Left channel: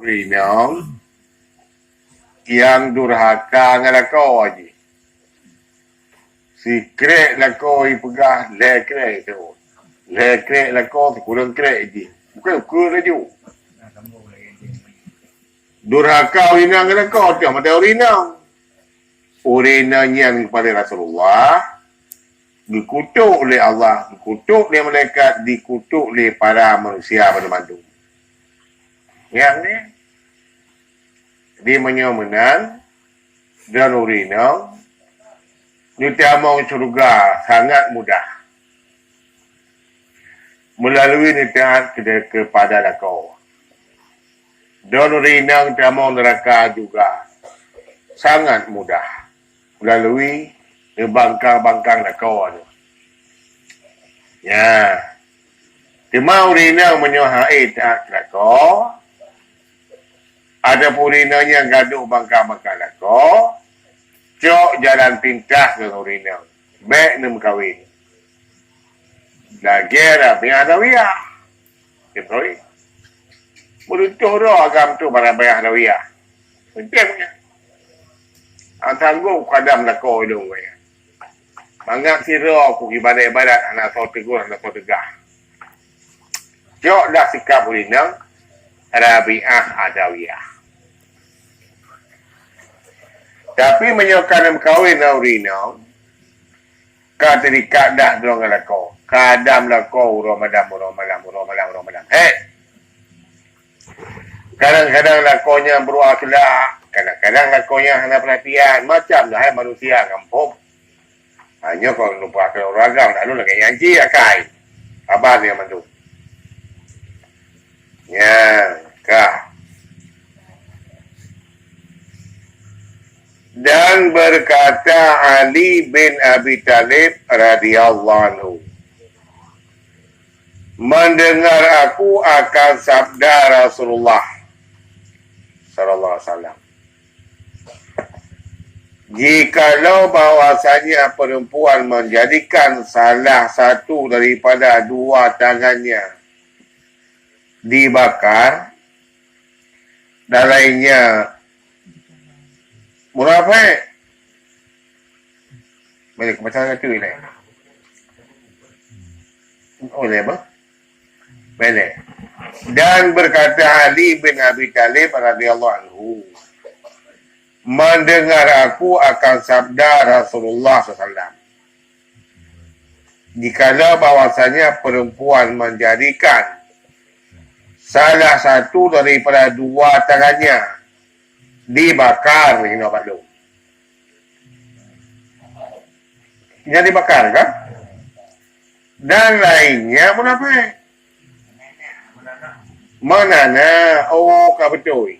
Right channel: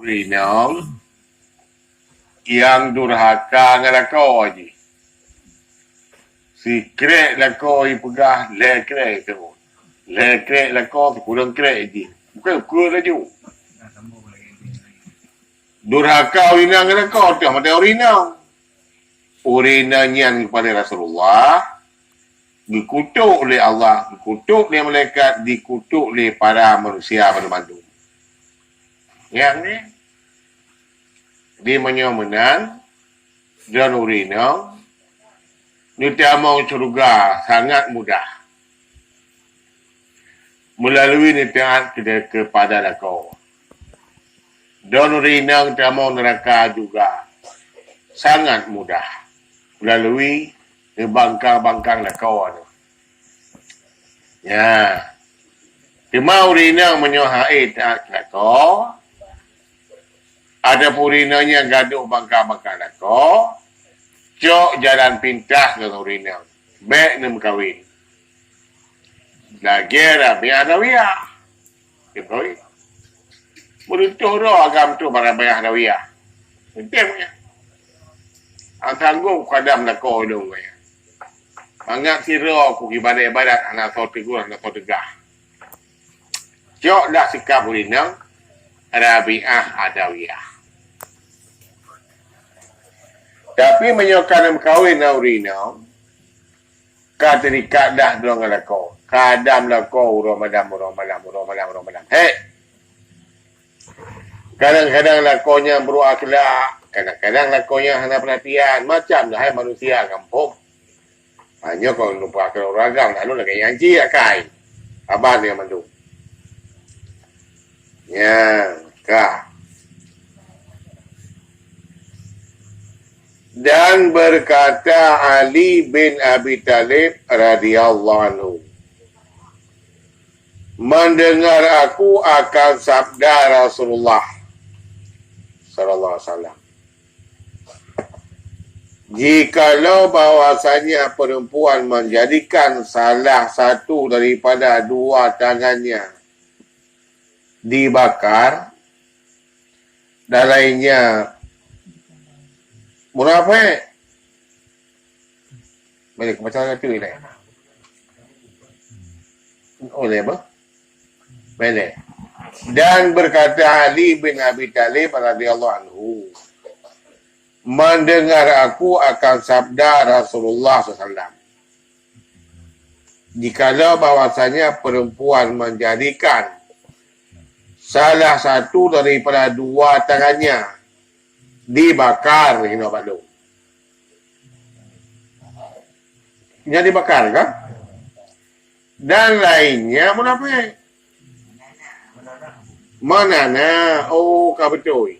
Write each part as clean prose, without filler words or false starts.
Rinong yang durhaka dengan kau aja. Si krek lah kau pegah le krek tu. Le krek lah kau kurang krek je. Bukan ukur lagi. Durhaka urinang dengan kau tu mata urinang. Urinanya kepada Rasulullah dikutuk oleh Allah, dikutuk oleh malaikat, dikutuk oleh para manusia pada mandu. Yang ni dia menyomenan dan urinang nitamau surga sangat mudah melalui nitaat kepada lakau. Dan urinang nitamau neraka juga sangat mudah melalui bangkang-bangkang lakau ni. Ya. Timau urinang menyohai taat lakau. Ada purinanya gaduh bangka-bangka lako. Cok jalan pintas dengan urinang. Baik nem kawin. Lagira biar dawiyah. Betul. Meruntuh roh agam tu para bayah dawiyah. Pentingnya. Antanggung kadam lako hidung saya. Mangak si roh ku ibadat-ibadat anak so tegur, anak so tegah. Cok dah sikap urinang. Rabi'ah adawiyah. Tapi menyokong kawin urinau, kata dikat dah belum lakau. Kadam lakau Ramadan. Hei! Kadang-kadang lakonya beruakhlak, kadang-kadang lakonya hanya perhatian. Macam dah manusia kampung. Hanya kau lupa kalau ragam, lalu lagi yanci akai. Abah dia mandu. Ya, kah. Dan berkata Ali bin Abi Talib radhiyallahu anhu, mendengar aku akan sabda Rasulullah sallallahu alaihi wasallam, jikalau bahwasanya perempuan menjadikan salah satu daripada dua tangannya dibakar dan lainnya munafik. Boleh kebaca tu ni. Oleh apa? Boleh. Dan berkata Ali bin Abi Talib radhiyallahu anhu, mendengar aku akan sabda Rasulullah SAW, jikalau bahwasanya perempuan menjadikan salah satu daripada dua tangannya dibakar, ini apa tu? Yang dibakar kan? Dan lainnya munafik. Manana, oh kau betul.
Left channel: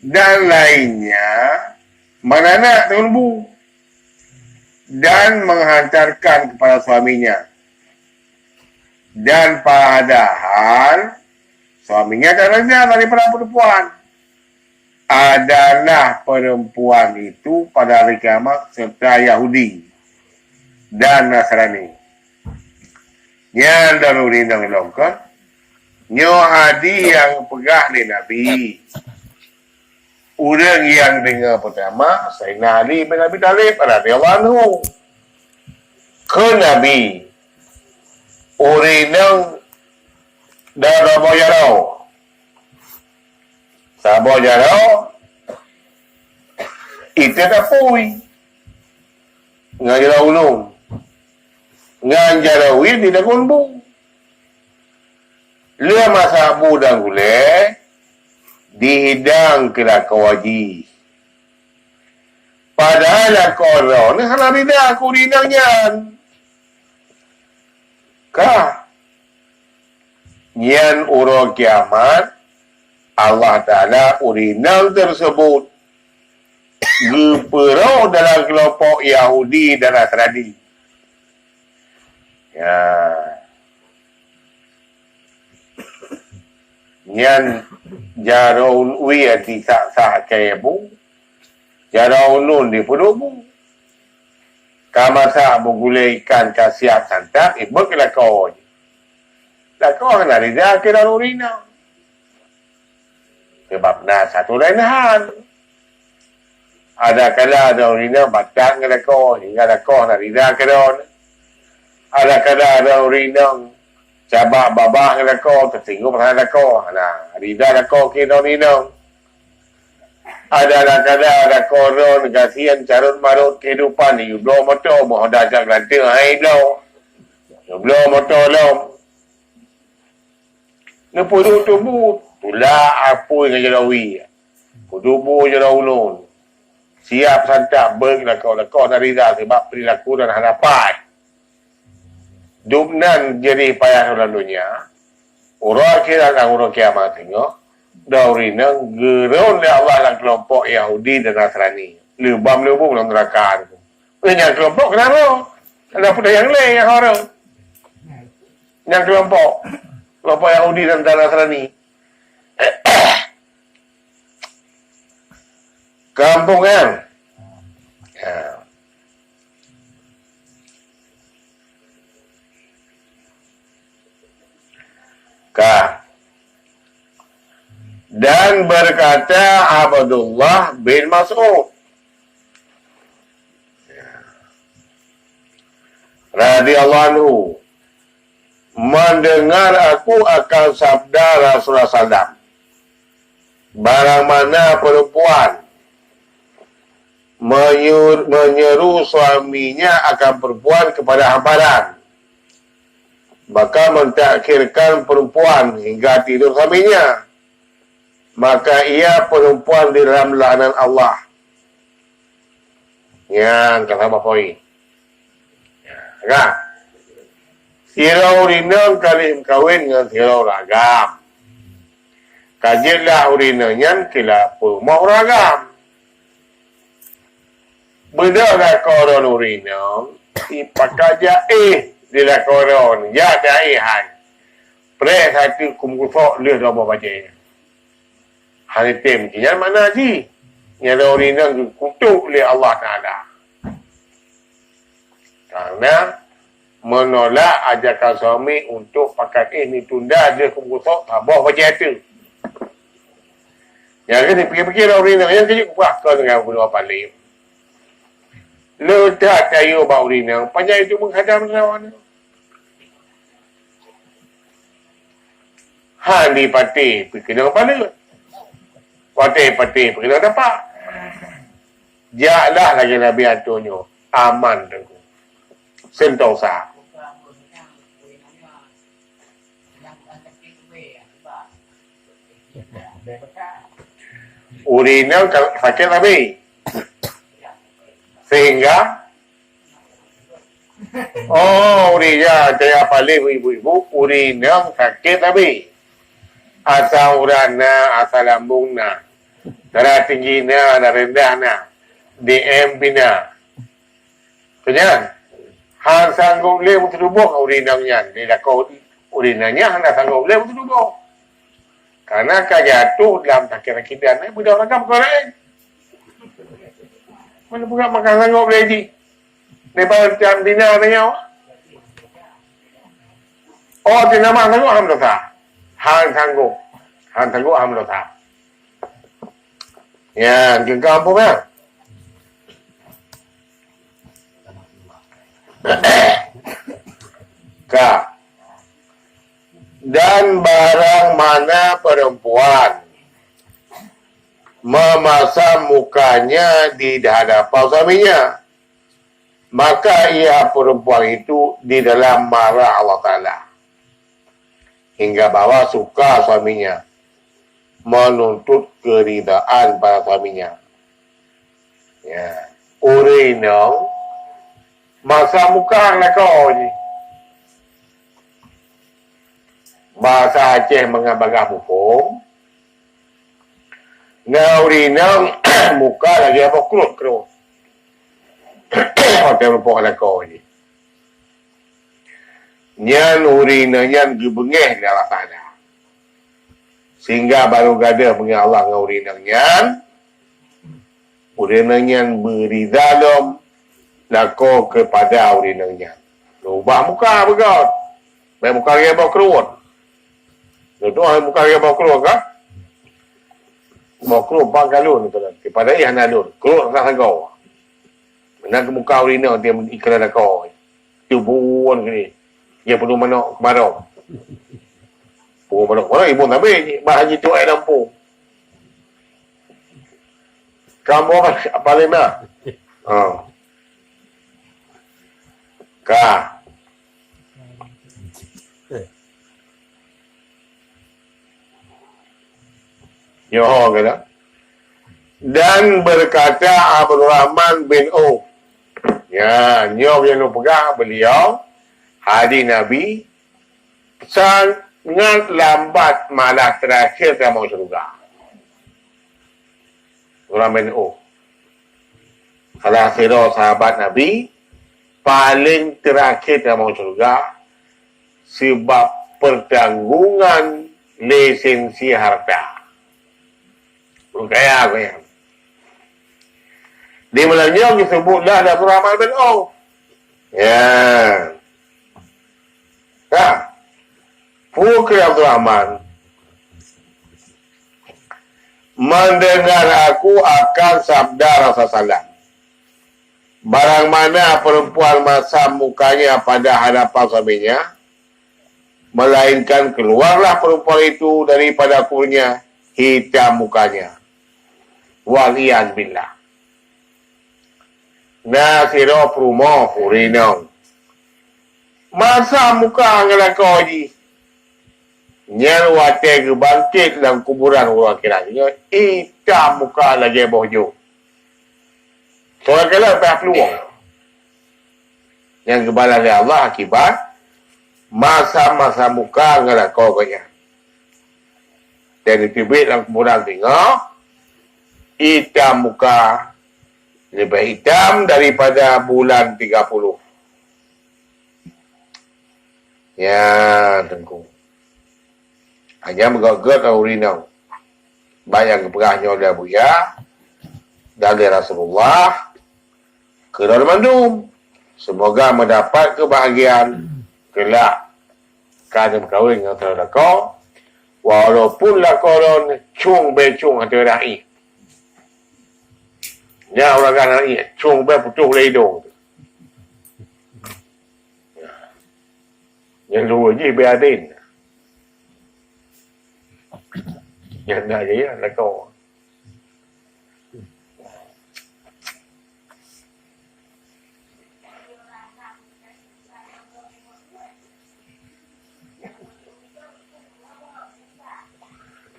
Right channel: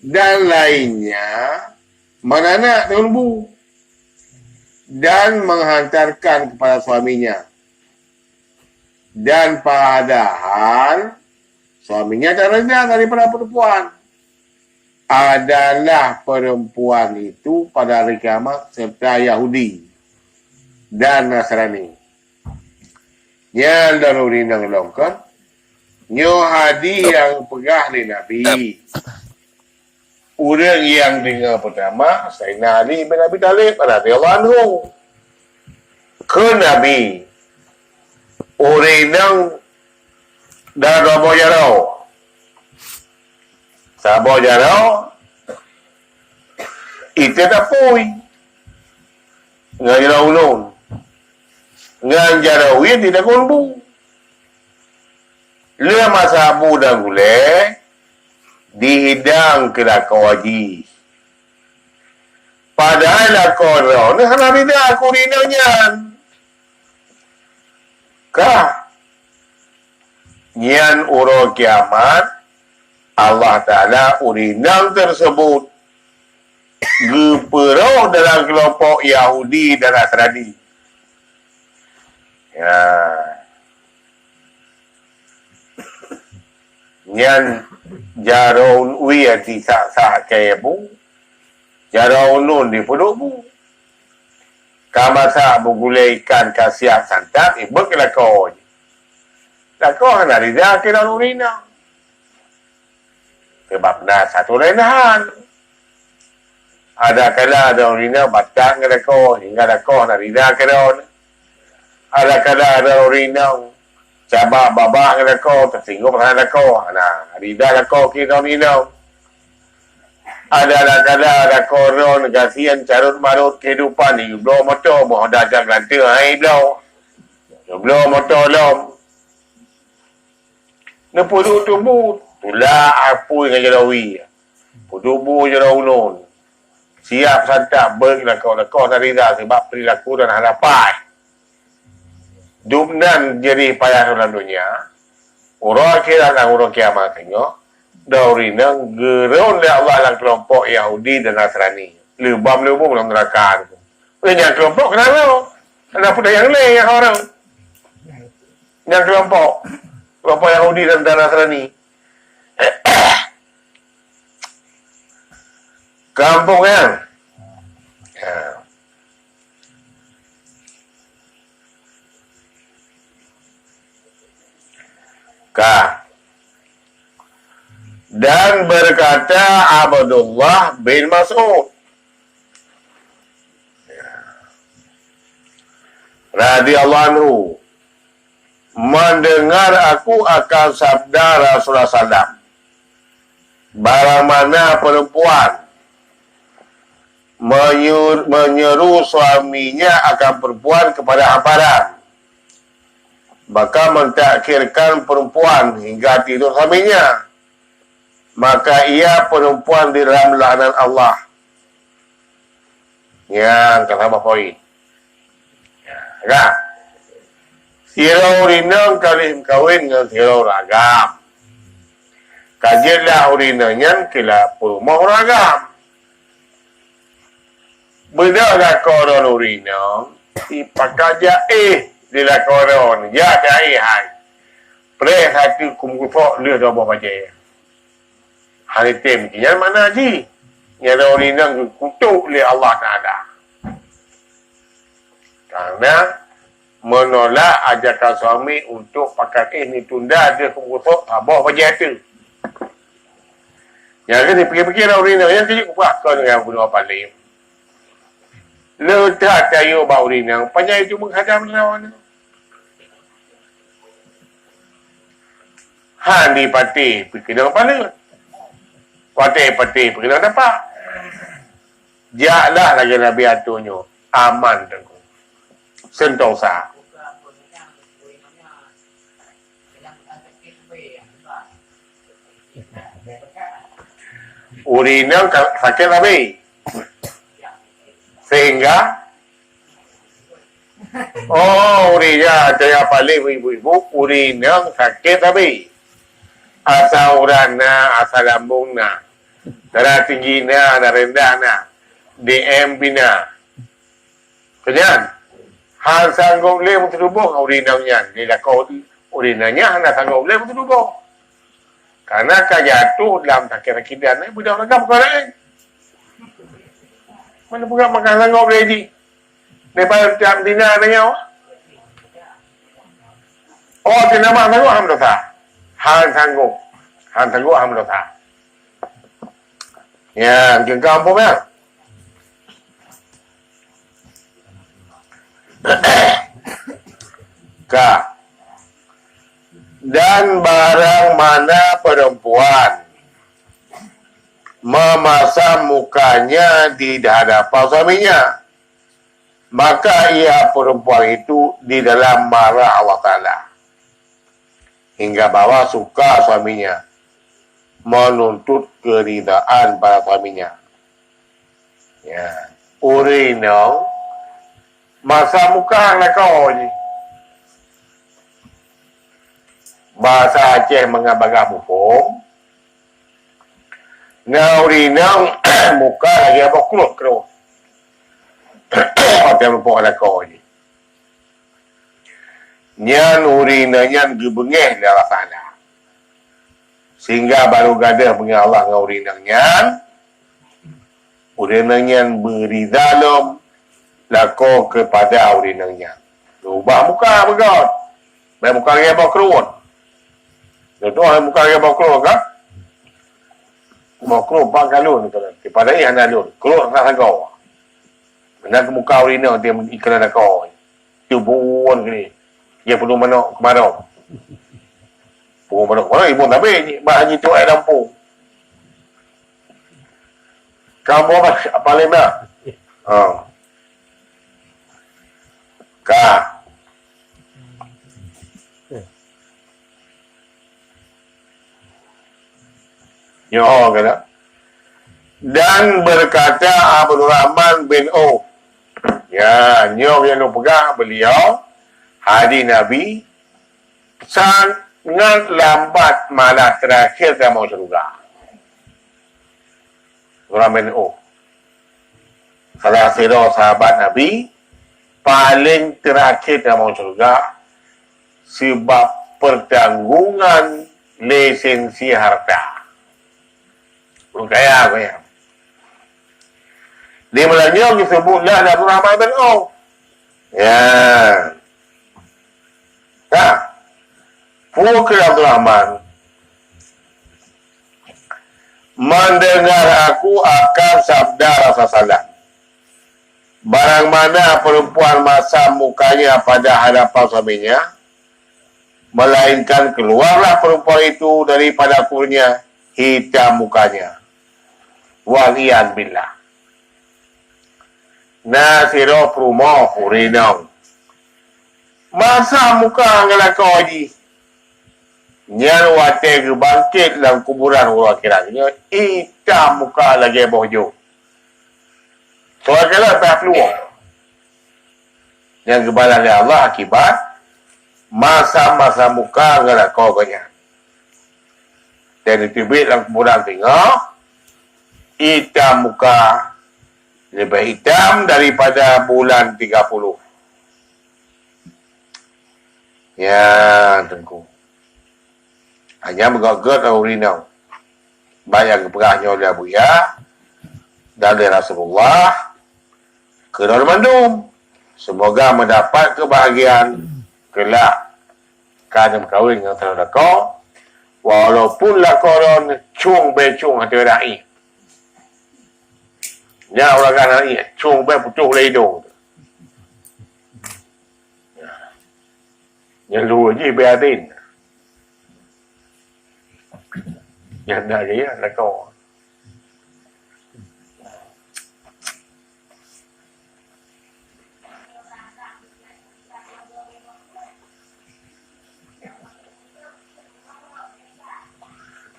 Dan lainnya manana dengan bu. Dan menghantarkan kepada suaminya. Dan padahal suaminya tak rendah daripada perempuan. Adalah perempuan itu pada hari kiamat serta Yahudi dan Nasrani. Yang daruri nang longkon, nyo adi yang pegah ni Nabi. Orang yang dengar pertama, Sayyidina Ali bin Abi Talib radhiyallahu anhu. Ke Nabi, orang nang dah dobo yarau. Sabo jarau itu tak pui ngan jarau ulun ngan jarau ini tidak kumbu le masa abu dah gule dihidang ke lakau haji padahal lakau rau ni hana tidak aku hidangnya kah nyan urut kiamat Allah Ta'ala urinang tersebut geperau dalam kelompok Yahudi dan Nasrani. Ya. Nyan jaraun uya di sah-sah kaya bu. Jaraun nun di puluh bu. Kamasa bugulai ikan kasiap santap, ibut ke lakau. Lakau kan ada kira urinang. Sebab satu lain hal. Ada kala ada urina batang ke dako, hingga dako nak rida ke daun. Ada kala ada urina cabak babak ke dako, tersinggung pasal dako. Nah, rida dako kita minum. Ada kala ada koron, kasihan carut marut kehidupan ni. Belum motor, mohon dah ajak lantai, hai belum. Belum motor lom. Nepuduk tubuh, tulah apa yang jalawi. Tubuh jalan ulun. Siap santap beng lakau dari dah sebab perilaku dan harapan. Dumnan jadi payah dalam dunia. Orang kira dan orang kiamat tengok. Dauri nang geron oleh Allah dalam kelompok Yahudi dan Nasrani. Lebam-lebam dalam neraka. Yang kelompok kenapa? Ada pun yang lain yang orang. Yang kelompok Yahudi dan Nasrani. Kampung kan? Dan berkata Abdullah bin Mas'ud radhiyallahu anhu, mendengar aku akan sabda Rasulullah SAW, barang mana perempuan menyeru suaminya akan perempuan kepada hamparan, maka mentakhirkan perempuan hingga tidur suaminya, maka ia perempuan di dalam laknat Allah. Yang kata poin. Ya. Sirau rinang kali kawin dengan sirau ragam. Kajilah urinanya kila purmau ragam. Benda dah koron urinang, ipakai jaih dia koron, ya jaihan. Pre satu kumkufok le dah bawa baca. Hari tem kian mana ji? Yang urinang kutuk oleh Allah Taala. Karena menolak ajakan suami untuk pakai ini tunda dia kumkufok tabah baca itu. Yang ni fikir-fikir urinang yang kejut buah kau dengan guna paling. Letak kayu bau rinang, panjang itu menghadam lawan. Handi pati, pergi dengan kepala. Pati, pergi dengan tapak. Jaklah lagi Nabi Antonio, aman tengku. Sentosa. Urinang sakit Nabi. Sehingga urina saya paling ibu-ibu urina sakit tapi asal urana, asal lambungna, darah tingginya, darah rendahnya, DM bina. Kemudian han sanggup le bertubuh urinanya, dia kau urinanya han sanggup le bertubuh. Karena jatuh dalam sakit dan budak ragam korang. Mana bukan makan sanggup lagi. Daripada tiap dina tanya. Oh, dia nama sanggup alhamdulillah. Han sanggup alhamdulillah. Ya, ke kampung ya. Dan barang mana perempuan memasang mukanya di hadapan suaminya, maka ia perempuan itu di dalam marah Allah Ta'ala hingga bawa suka suaminya, menuntut keridaan pada suaminya. Ya, urinong masa muka lah kau ni. Bahasa Aceh mengabagah hukum. Urinong muka lagi apa keluar. Hotel berpok lah kau ni. Nyan urinanya dibengeh di Allah Ta'ala. Sehingga baru gada mengenai Allah dengan urinanya. Urinanya beri dalam lako kepada urinanya. Ubah muka begot. Baik muka lagi apa keluar. Itu orang muka lagi apa keluar kan? mau keluar galon tu lah. Daripada yang nalun. Keluar tak sagau. Benar ke muka urina dia iklan ada kau. Tubuhan ke ni. Dia perlu manok kemarau. Perlu manok kemarau. Ibu tak habis. Bahan itu air lampu. Kamu apa lima? Ka. Nyoh kata. Dan berkata Abdul Rahman bin Auf. Ya, nyoh yang pegang beliau. Hadis Nabi. Sangat lambat malah terakhir dia mau surga. Abdul Rahman bin Auf. Salah seorang sahabat Nabi. Paling terakhir dia mau surga. Sebab pertanggungan lisensi harta. Kaya. Di Melayu disebutlah Abdul Rahman bin Auf. Ya. Pukul Abdul Rahman. Mendengar aku akan sabda Rasulullah. Barang mana perempuan masam mukanya pada hadapan suaminya, melainkan keluarlah perempuan itu daripada kuburnya hitam mukanya. Walian billah. Nasiro prumo hurinong. Masa muka ngelakau haji. Nyan wate ke bangkit dalam kuburan orang kiranya. Hitam muka lagi bohjo. Soal kala tak peluang. Yang kebalan oleh Allah akibat masa-masa muka ngelakau banyak. Dan ditibik dalam kuburan tengok. Hitam muka lebih hitam daripada bulan 30. Ya, tengku. Hanya mengagat urinau. Bayang keperahnya oleh Buya. Dari Rasulullah. Ke dalam mandum. Semoga mendapat kebahagiaan. Kelak. Kerana berkahwin dengan saudara kau. Walaupun lah korang cung becung hati raih. Ya orang kan ni cung be putuh le hidung. Yang lu je be adin. Yang dah je ya nak kau.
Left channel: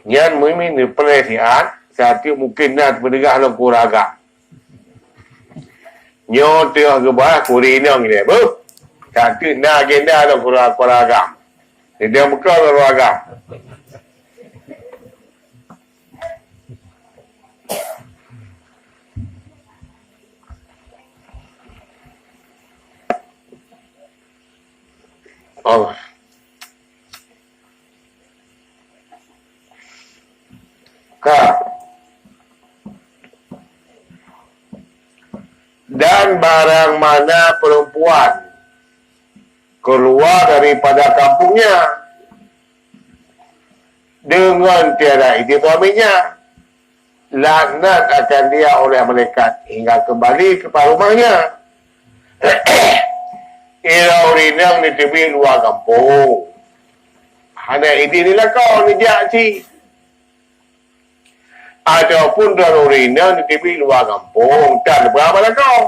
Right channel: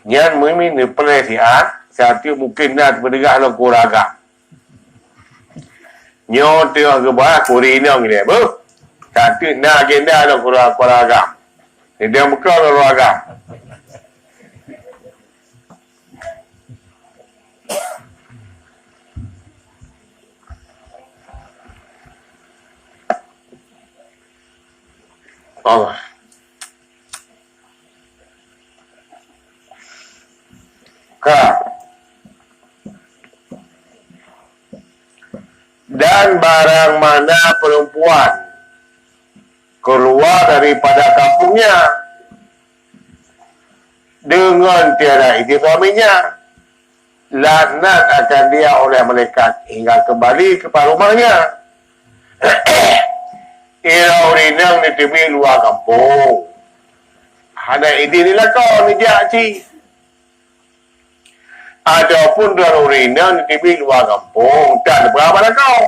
Yang mungkin ni pelesian satu mungkin nak mendengar lo kuraga. Nyo tengok ke bawah kurinong ni. Satu nak agenda lo kuraga. Dia buka lo kuraga. Oh. Dan barang mana perempuan keluar daripada kampungnya dengan tiada izin suaminya, laknat akan dia oleh malaikat hingga kembali kepada rumahnya. Ia urinang ni tepi luar kampung. Hanya izin nila kau ni dia cik. Ataupun darurina di tepi luar kampung. Tak ada berapa dah kau.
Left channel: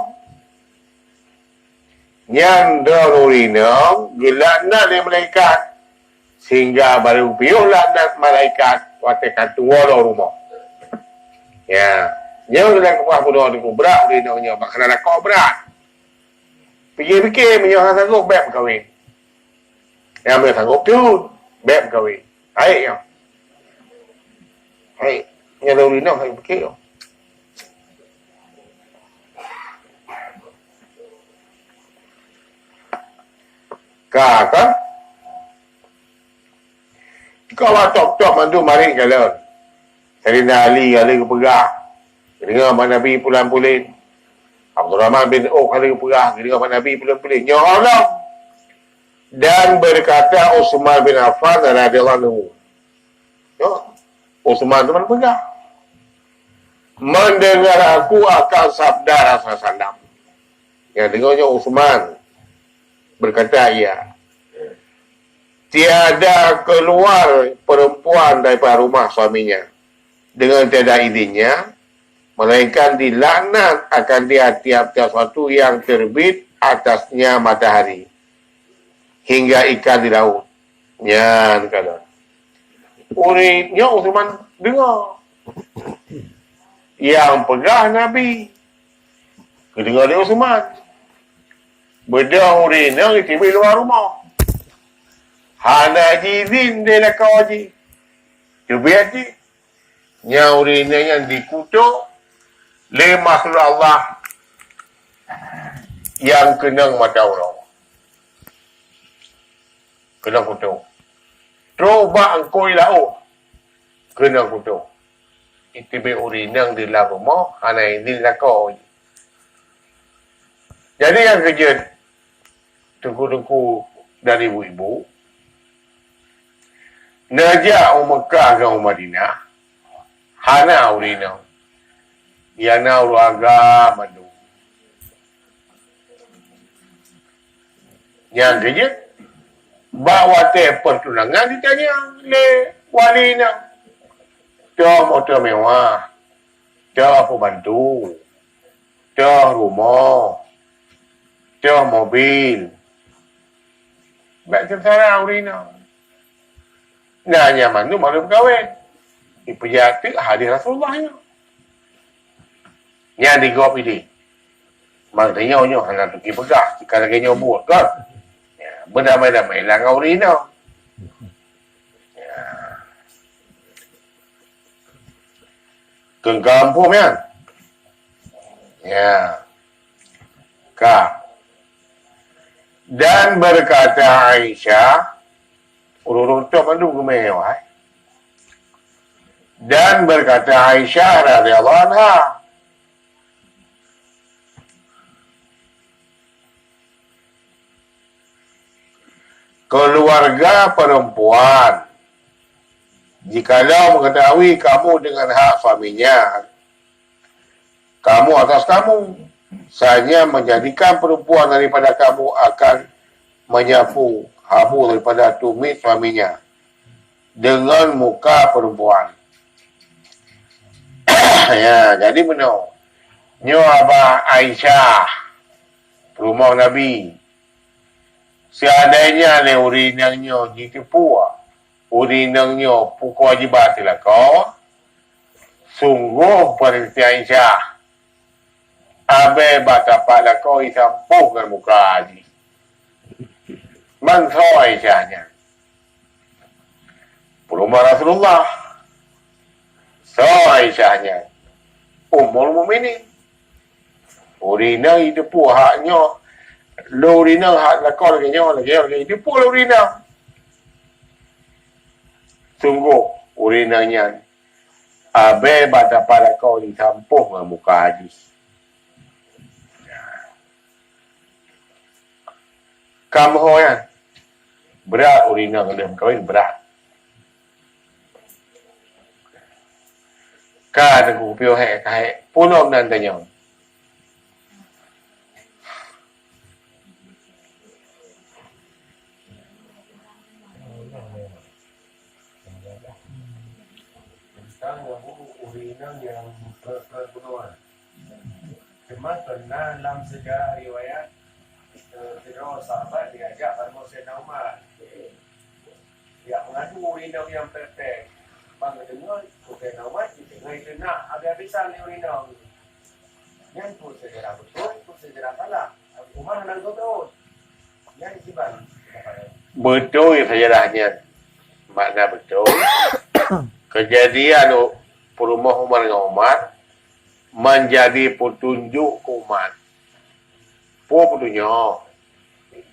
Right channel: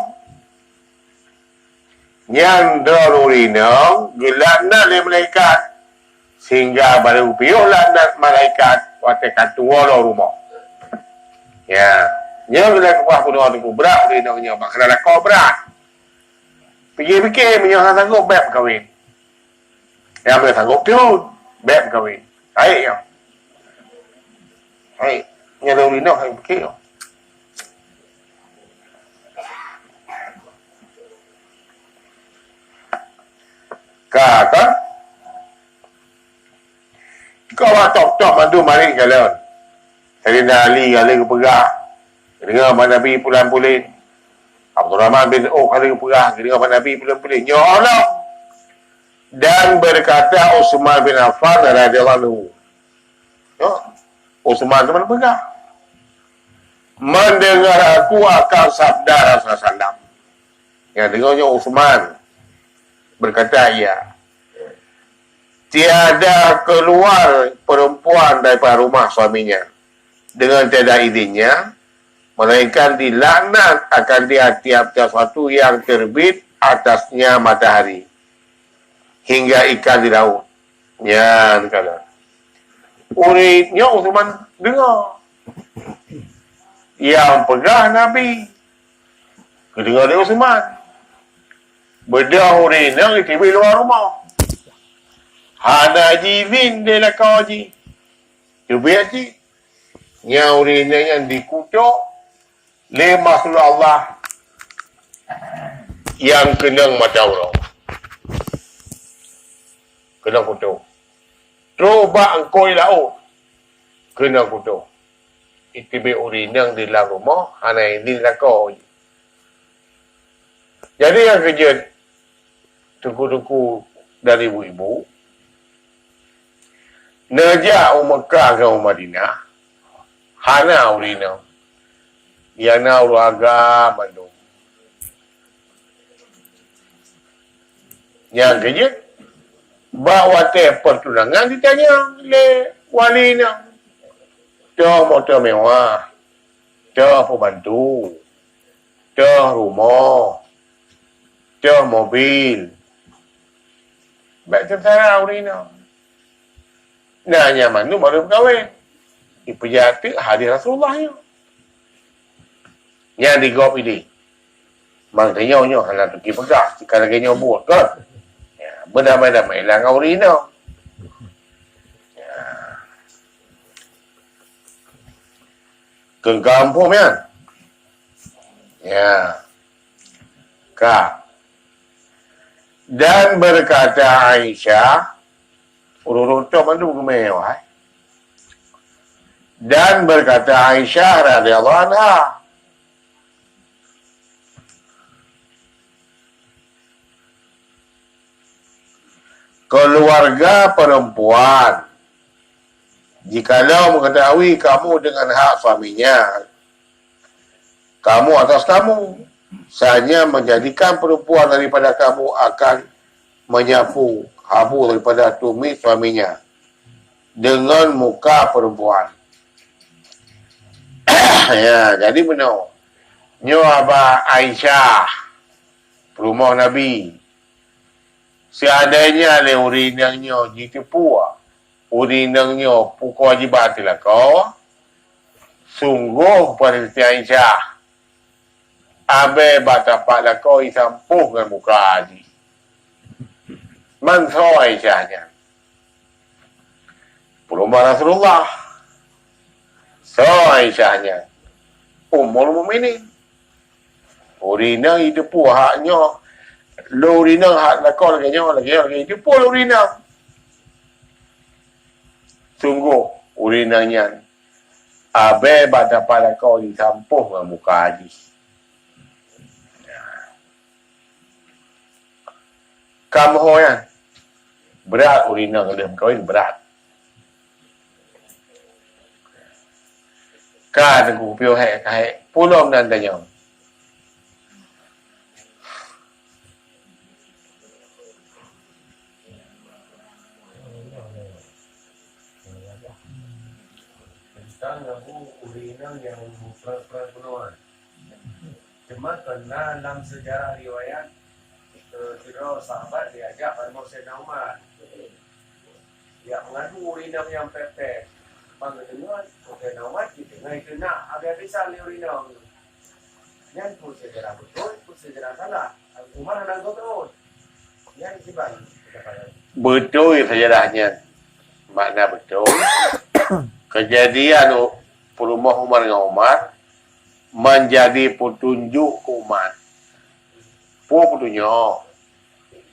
Yang darurina gelaknat dari malaikat. Sehingga baru piuh laknat malaikat. Watakan tua dah rumah. Ya. Yang gelak kuah pun orang itu berat. Darurina makna kau berat. Fikir-fikir menyuruh sanggup beb kahwin. Yang boleh sanggup tu. Beb kahwin. Baik ya. Baik. Yang lalu nak saya fikir. Kata kau top-top mandu maring jalan. Sayyidina Ali kali ke pegah. Dengar Abang Nabi pulang-puling. Abdul Rahman bin Auf kali ke pegah. Dengar Abang Nabi pulang-puling. Nyolong. Dan berkata Utsman bin Affan radhiyallahu anhu. Utsman tu mana pegah? mendengar aku akan sabda Rasulullah. Yang dengarnya Utsman berkata, ya, tiada keluar perempuan daripada rumah suaminya dengan tiada izinnya, melainkan dilaknat akan dia tiap-tiap waktu yang terbit atasnya matahari hingga ikan di laut. Ya, kata. Uritnya Utsman dengar. Yang pegah Nabi. Kedengar dia Utsman. Bedah uritnya tiba luar rumah. Hana jizin dia nak kau je. Cuba je. Yang uritnya yang dikutuk le makhluk Allah yang kenang mata orang. Kena kutuk. Coba engkau laut. Kena kutuk. Itu be urinang di dalam rumah, hana ini lah kau. Jadi yang kerja tengku-tengku dari ibu-ibu, najak Mekah ke Madinah, hana urinang. Yana uraga mandu. Yang kerja, bawa pertunangan ditanya le walinya. Dah motor mewah, dah pembantu, dah rumah, dah mobil. Baik tentara urina. Nanya mana baru berkahwin. Dipejati hadir Rasulullah nya. Yang digop ini. Maknanya nyo hendak pergi pegah. Jika lagi nyo buat kan. Ya, berdamai-damai lah dengan urina. Ke kampung kan? Ya. Kak. Dan berkata Aisyah, urut tu mandu kemewah. Dan berkata Aisyah radhiyallahu anha, keluarga perempuan, jikalau mengetahui kamu dengan hak suaminya, kamu atas kamu, sahaja menjadikan perempuan daripada kamu akan menyapu habu daripada tumit suaminya dengan muka perempuan. Ya, jadi benar. Nyo Abah Aisyah, rumah Nabi, seadanya le urinangnya ditipu. Urinangnya pukul wajibat lah kau. Sungguh pada Aisyah. Abe batapak lah kau isampuh dengan muka haji. Mangsa Aisyahnya. Rumah Rasulullah. So Aisyahnya. Umur muminin. Urinang itu pun haknya. Lo urinang hak lah kau lagi itu pun urinang. Sungguh urinangnya. Abe batapak lah kau isampuh dengan muka haji. Kamu yang berat urinang dalam kahwin berat. Ka aku pio hai punom nan tanya. Tentang urinang yang perbunuhan. Cuma karena dalam sejarah riwayat kira sahabat diajak pada Sayyidina Umar. Ya mengadu urinang yang perfect. Bang dengar Sayyidina Umar kita ngai kena habis-habisan urinang. Yang tu sejarah betul, tu sejarah salah. Umar hendak betul. Yang kiban. Betul sejarahnya. Makna betul. Kejadian rumah Umar dengan Umar menjadi petunjuk ke umat. Petunjuk.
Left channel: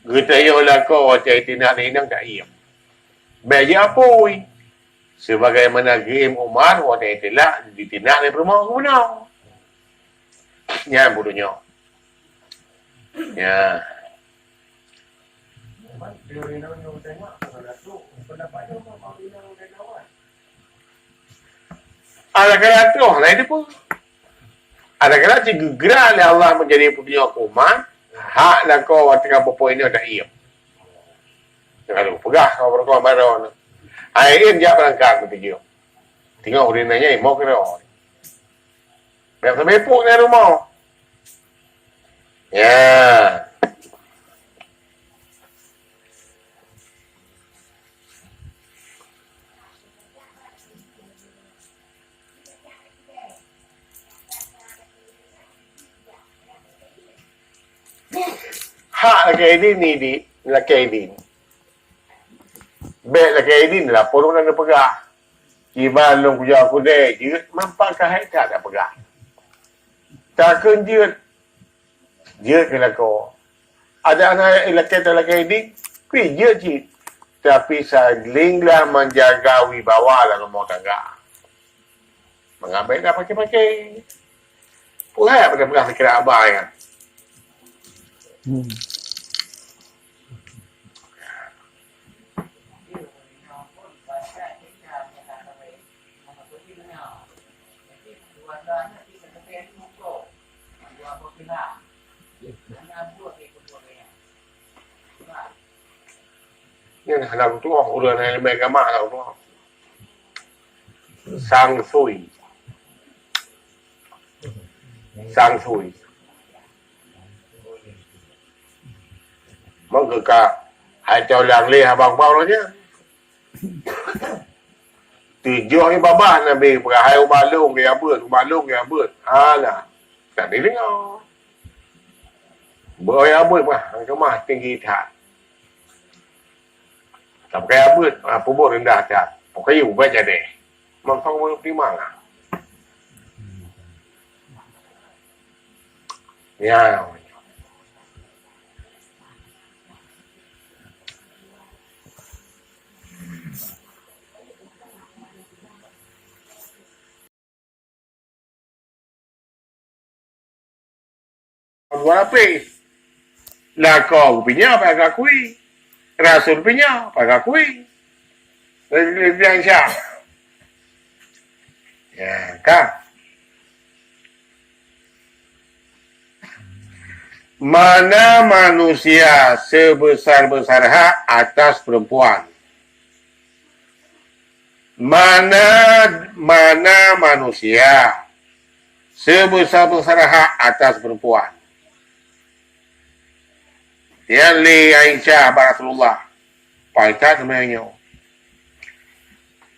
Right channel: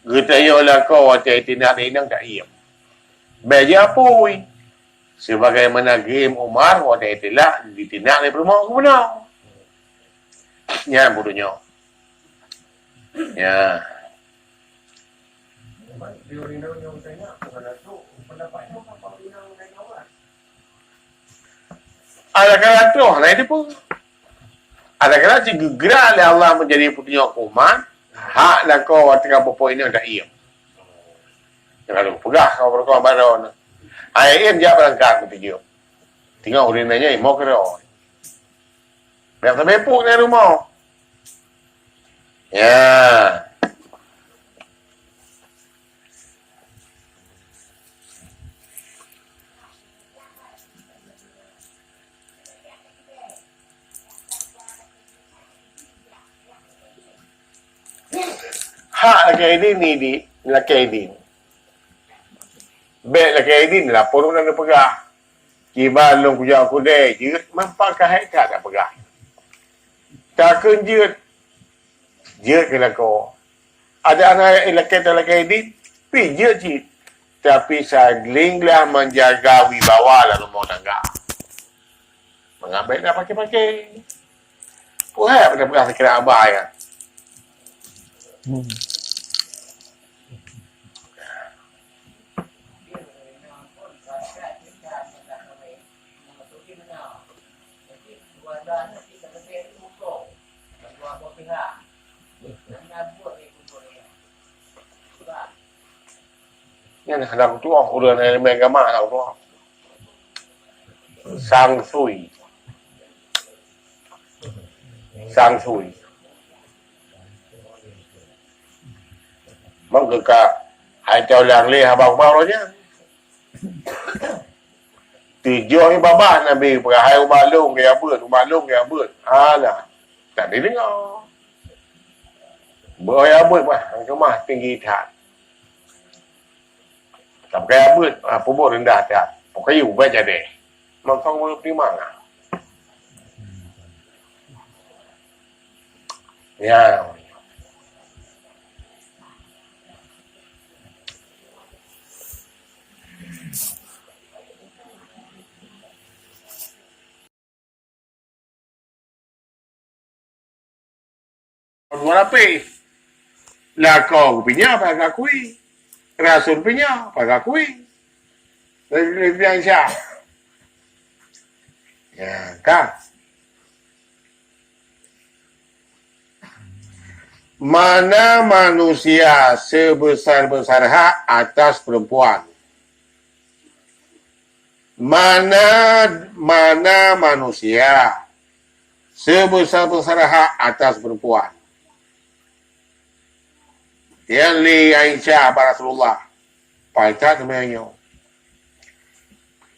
Getaya lah kau waktu itu nak renang tak iam. Baja apa? Sebagaimana game Umar waktu itu lah ditinak dari rumah aku benar. Ya, petunjuk. Ya. Ada kata tu, lain dia pun. Ada kala gerak oleh Allah menjadi punya hukuman, hak lah kau waktu apa ini ada ia. Kalau pegah kau berkau baron. Akhirnya dia berangkat begitu. Tinggal urinanya mau kira. Biar sampai pun dari rumah. Ya. Hak laki ini ni di laki ini. Baik laki ini ni lah pun nak pegang. Kiban long kuja aku deh, jut mampak kahai tak pegang. Takkan jut kena kau. Ada anak laki ini, kui jut. Tapi saglinglah menjaga wibawa lah rumah tangga. Mengambil dah pakai-pakai. Puhai pada sekira abah ya. Nhân làm tu học đường này mẹ cái mà làm tu học sang sui mong cứ cả hãy cho làng lê hà bằng bao đó nhé từ do cái ba là bị cả hai ba lông cái bươn là cả đấy với nhau bữa bươn mà cái mà tiếng gì thả tập cái bươn phố bộ đến đạt đạt một cái dùng về chả để mà không có tí mảng ya Walaupun lah kau punya apa akui, Rasul punya apa akui, lebih yang siapa? Ya kan? Mana manusia sebesar-besar hak atas perempuan? Mana manusia sebesar-besar hak atas perempuan? Yang li Aisyah Rasulullah paitat namanya.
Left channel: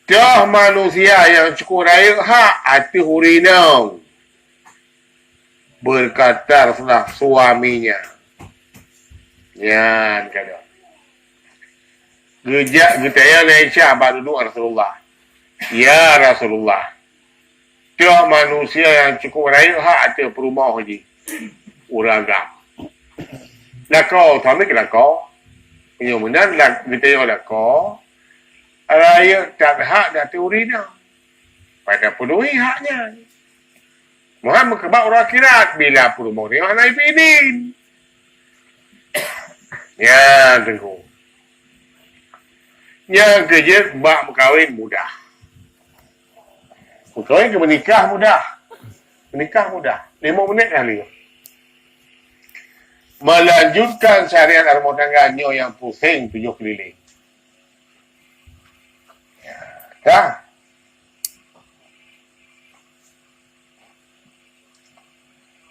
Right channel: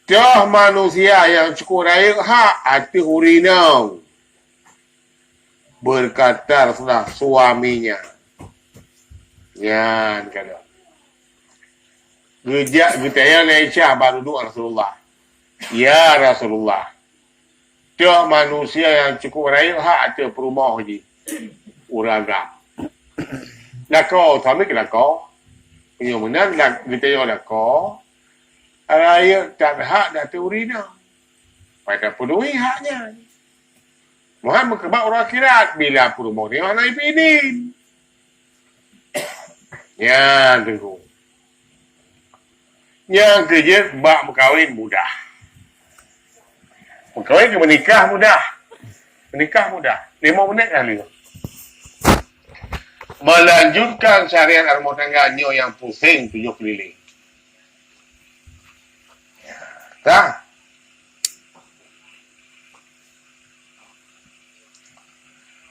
Dah manusia yang cukup raya hak hati hurinau. Berkata Rasulullah suaminya. Ya, kata. Gejak getaya Aisyah baru doa Rasulullah. Ya Rasulullah. Dah manusia yang cukup raya hak hati perumah haji. Uragam. Là kau, thami ke là kau. Penyumanan lah kita yang lah kau. Raya tak hak dah teori dah. Pada penuhi haknya. Muhammad kebak orang akhirat bila perumahan ni mana ipidin. Ya, tengok. Yang kerja bak berkahwin mudah. Berkahwin ke menikah mudah. Menikah mudah. 5 minit kali. Melanjutkan syariat rumah tangganya yang pusing 7 keliling. Ya, tak?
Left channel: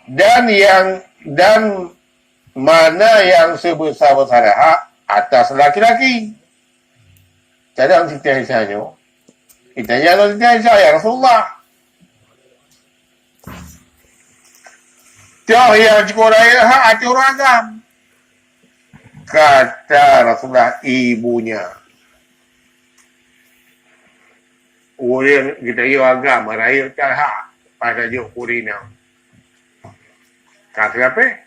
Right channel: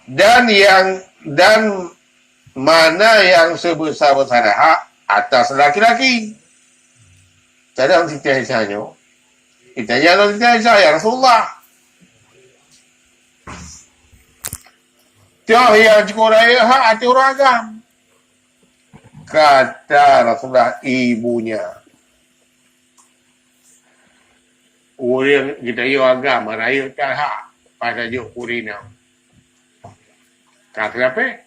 Dan mana yang sebesar-besar hak atas laki-laki. Jadi dalam cerita Aisyahnya, ditanya dalam cerita Aisyah, ya Rasulullah. Tiap yang cukup raya hak hati orang agam. Kata Rasulullah ibunya. Orang kita yang agam, raya tak hak pada juk kurina. Kata apa?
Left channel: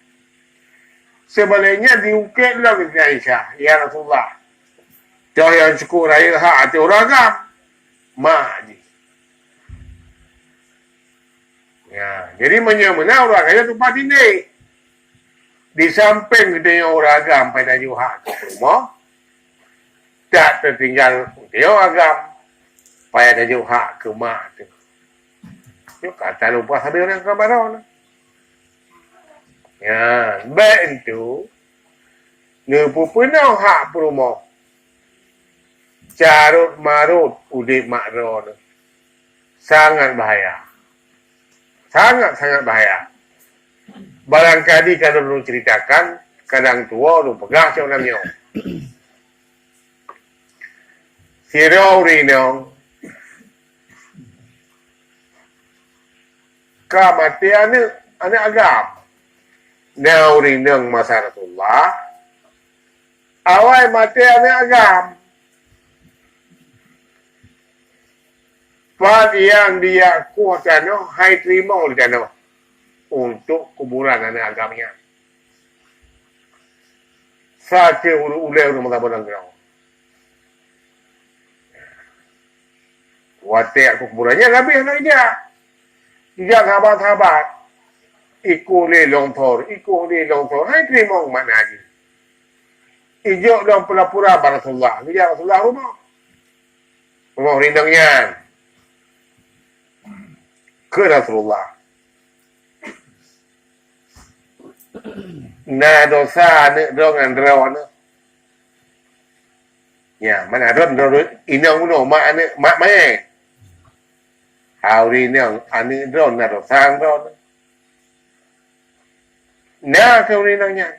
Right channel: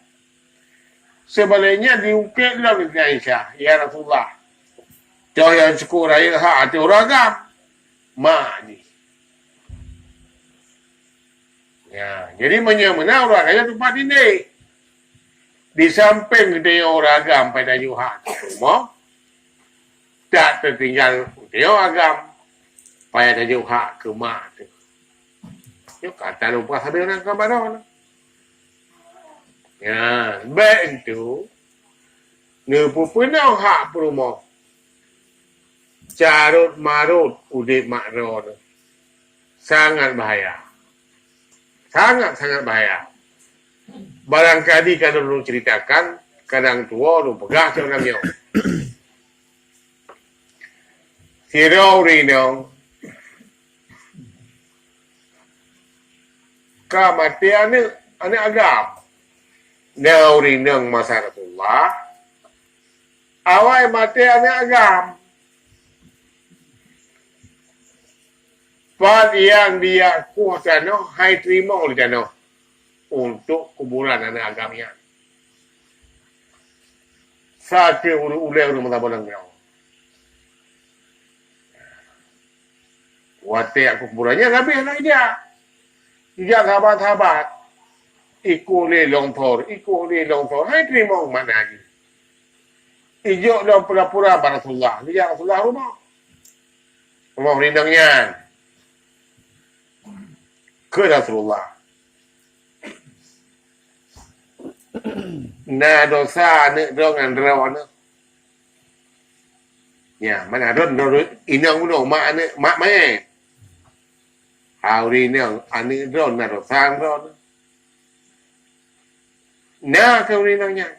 Sebaliknya diukit lah dengan Aisyah. Ya Rasulullah. Tiap yang cukup raya hak hati orang agam. Mak ni. Ya, jadi mana orang kaya tempat ini. Di samping dia orang agam pada juhak rumah, tak tertinggal dia agam pada juhak ke mak tu. Dia kata lupa sambil orang kabaran. Ya, baik itu. Ni pupunau hak perumoh. Carut marut udik makro ni. Sangat bahaya. Sangat-sangat bahaya. Barangkali kalau lu ceritakan, kadang tua lu pegang macam namanya. Sirau rinong. Kamatian ni, anak agam. Nau rinong masyarakat. Awal mati anak agam. Part yang dia kuatkan, hai terima oleh jana untuk kuburan anak agamnya. Saatnya ulai rumah tabanan kau. Watak aku kuburannya lebih anak dia. Dia sahabat-sahabat. Iku ni longtor, hai terima mana lagi. Ijuk dalam pura-pura Rasulullah. Dia Rasulullah rumah. Rumah rindangnya. Ke Rasulullah. Na dosa ni dengan rawan. Ya, mana ron inang uno mak ni mak mai. Hari ni ani ron na dosa ron. Na kau ni nanya.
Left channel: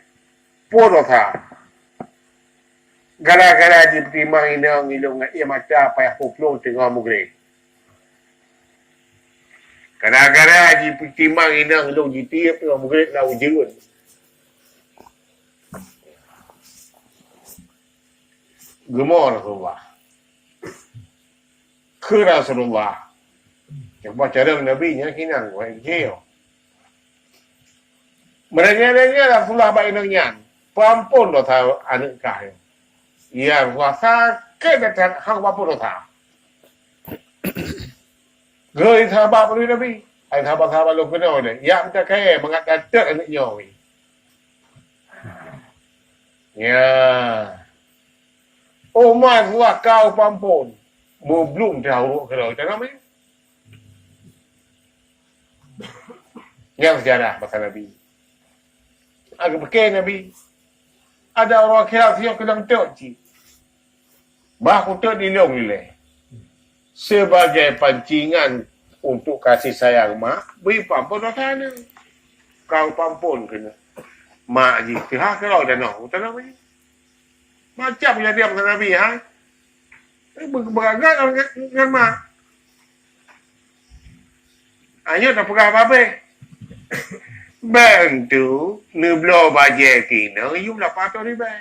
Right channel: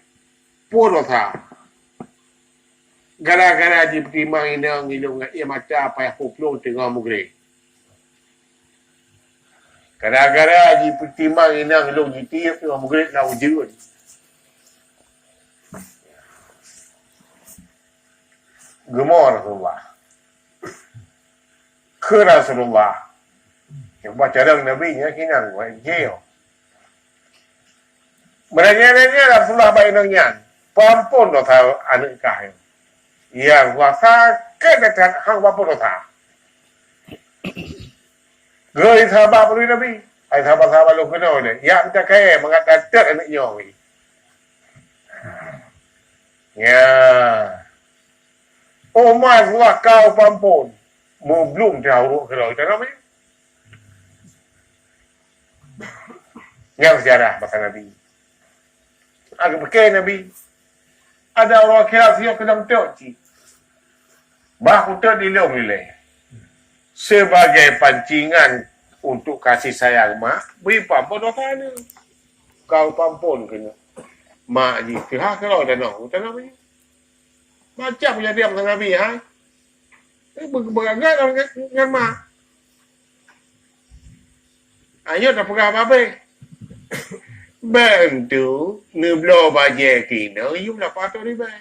Po dosa. Gara-gara dipertimang inang ilung ia macam apa yang hoplo tengah mugre. Gara-gara dipertimang inang ilung ditiap tengah mugre lau jirun. Gemar Rasulullah. Ke Rasulullah. Yang baca dalam Nabi-nya kinang. Jeo. Mereka-mereka Rasulullah baik nangyan. Pampun dosa anak kahil. Ya Rasulullah sakit hang pampun dosa. Goi sahabat perlu Nabi. Ay sahabat-sahabat lu kena ni. Ya minta kaya mengatakan anak nyawi. Ya. Oh maslah kau pampun. Belum tahu kalau macam namanya. Yang sejarah pasal Nabi. Agak pakai Nabi. Ada orang kira siap kedang tok. Bah untuk dilong nilai. Sebagai pancingan untuk kasih sayang mak, beri pampun dosa ni. Kau pampun kena. Mak ni, pihak kalau dah nak, tak namanya. Macam yang dia pasal Nabi, ha? Beragak dengan mak. Ayo tak pegang apa-apa. Bantu, ni belah bajet kena, you lah patut riba.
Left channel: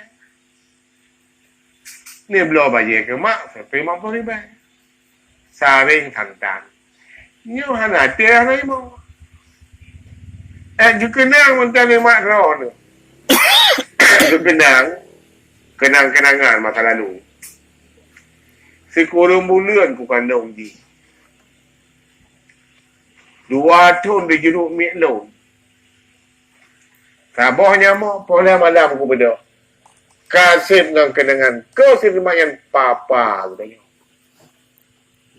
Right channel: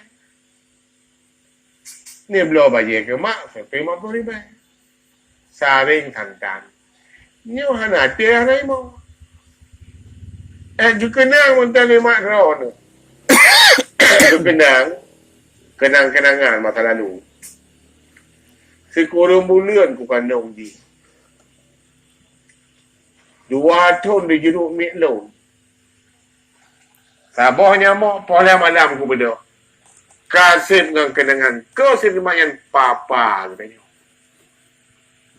Ni belah bajet ke mak, saya mampu riba. Saring tantan. Nyo hana tiada lagi mau. Juga kenang mentang ni mak ron. Juga kenang-kenangan masa lalu. Sekurang bulan ku kandung di. 2 tahun dia jeruk miklon. Sabahnya mau pola malam ku beda. Kasih dengan kenangan. Kau sendiri papa katanya.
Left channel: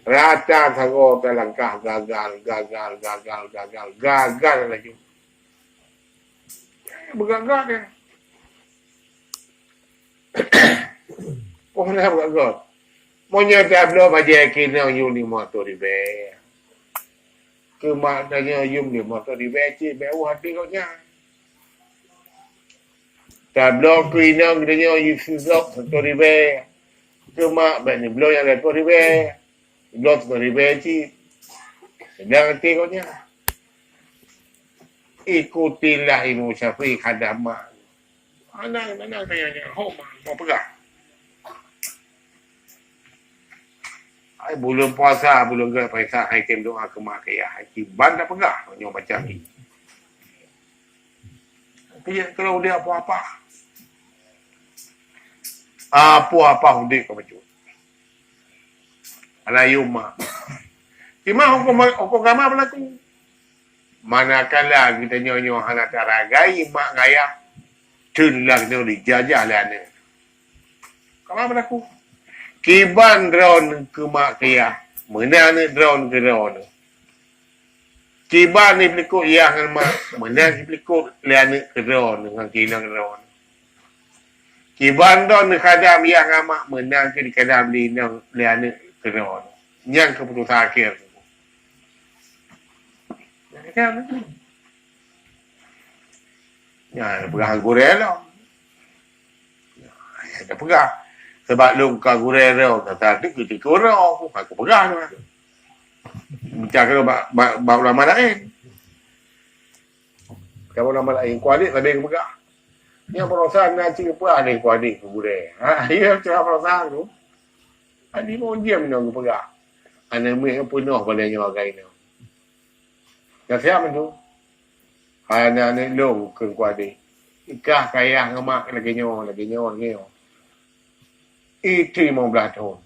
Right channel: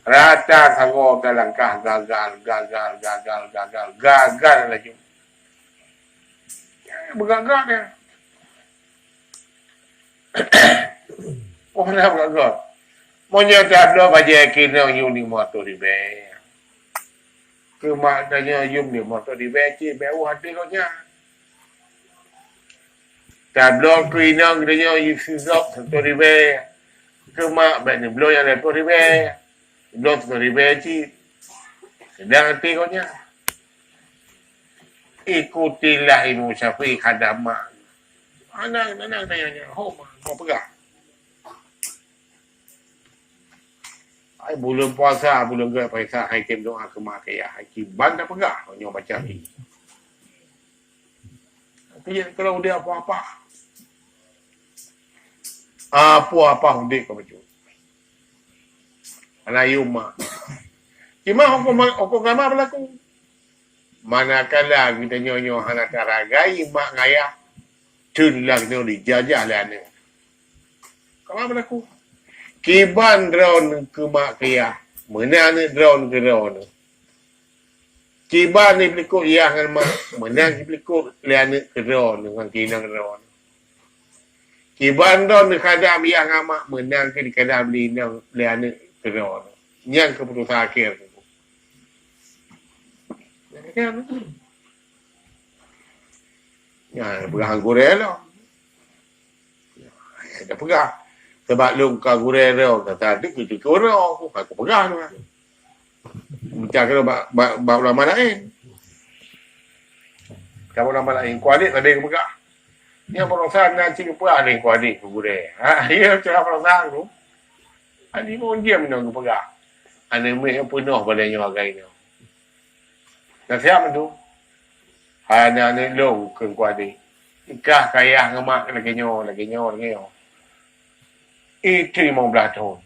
Rata sangat langkah gagal lagi. Bergagal dia. Oh nak bergagal. Monya tak ada baca kena you ni motor ribe. Kemaknanya you ni motor ribe cik bau hati kau nya. Tak ada kena kena you sizok motor ribe. Kemak bani blow yang motor ribe. Blot dari beci. Sedang hati kau nya. Ikutilah Imam Syafi'i khadamah. Anak tanya-tanya. Kau pegang. Ay, bulan puasa, bulan ke periksa hakim doa ke mak kaya. Hakim bandar pegang. Kau baca ni. Tapi kalau dia apa-apa. Apa-apa hudik kau baca. Alayuma. Cuma hukum agama berlaku. Manakala kita nyonya hana taragai mak ngaya tulang tu dijajah lah ni. Kamu berlaku. Kiban drone ke mak kaya. Mana ni drone ke drone. Tiba ni pelikut yang mak menang pelikut liana keron dengan kina keron. Kiban don kadam yang amak menang ke di kadam linang liana keron. Yang keputusan akhir tu. Ya, pegang gurel lah. Ya, dah pegang. Sebab lu kau gurel lah. Kata ada ketika orang aku pegang lah. Macam kalau bab lama lain. Kalau lama lain kuadik ada yang pegang. Yang perasaan nak cik apa ada yang kuadik ke gurel. Dia macam perasaan tu. Ada pun diam ni aku pegang. Ada meh penuh pada yang agai ni. Dan siapa tu? Hai anak ni long ke kuadik. Ikah kaya ngemak lagi nyo. Itu 15 tahun.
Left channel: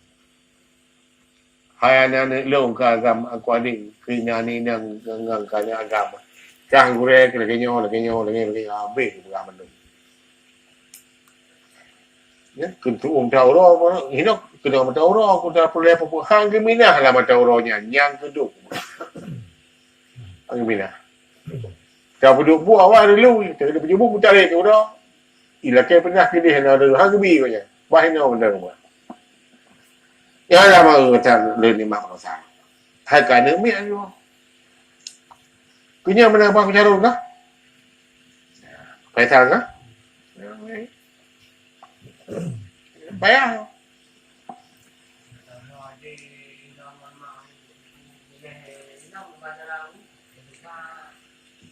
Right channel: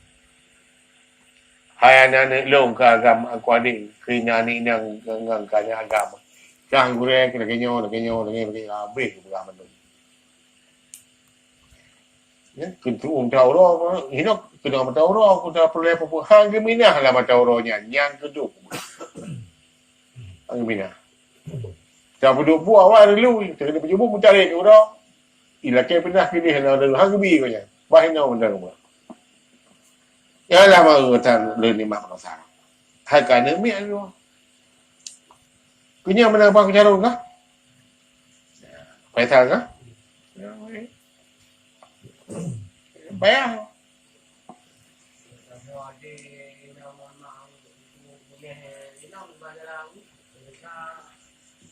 Hai anak ni long ke agama kuadik. Kena ni nang kanya agama. Jangan gurek lagi nyo. Habis agama tu. Ya, kena tahu roh. Ini kena tahu roh. Aku dah perlu apa pun. Hang geminah lah tahu rohnya. Yang kedua. Hang geminah. Dah duduk buah awal dulu. Kita kena berjumpa pun cari tu dah. Ilakai pernah pilih nak dulu. Hang gebi kau nya. Bahina benda rumah. Yang lah mahu kata learn ni mak rasa. Hai kana mi ayo. Punya mana bang cara kah? Payah kah? Payah.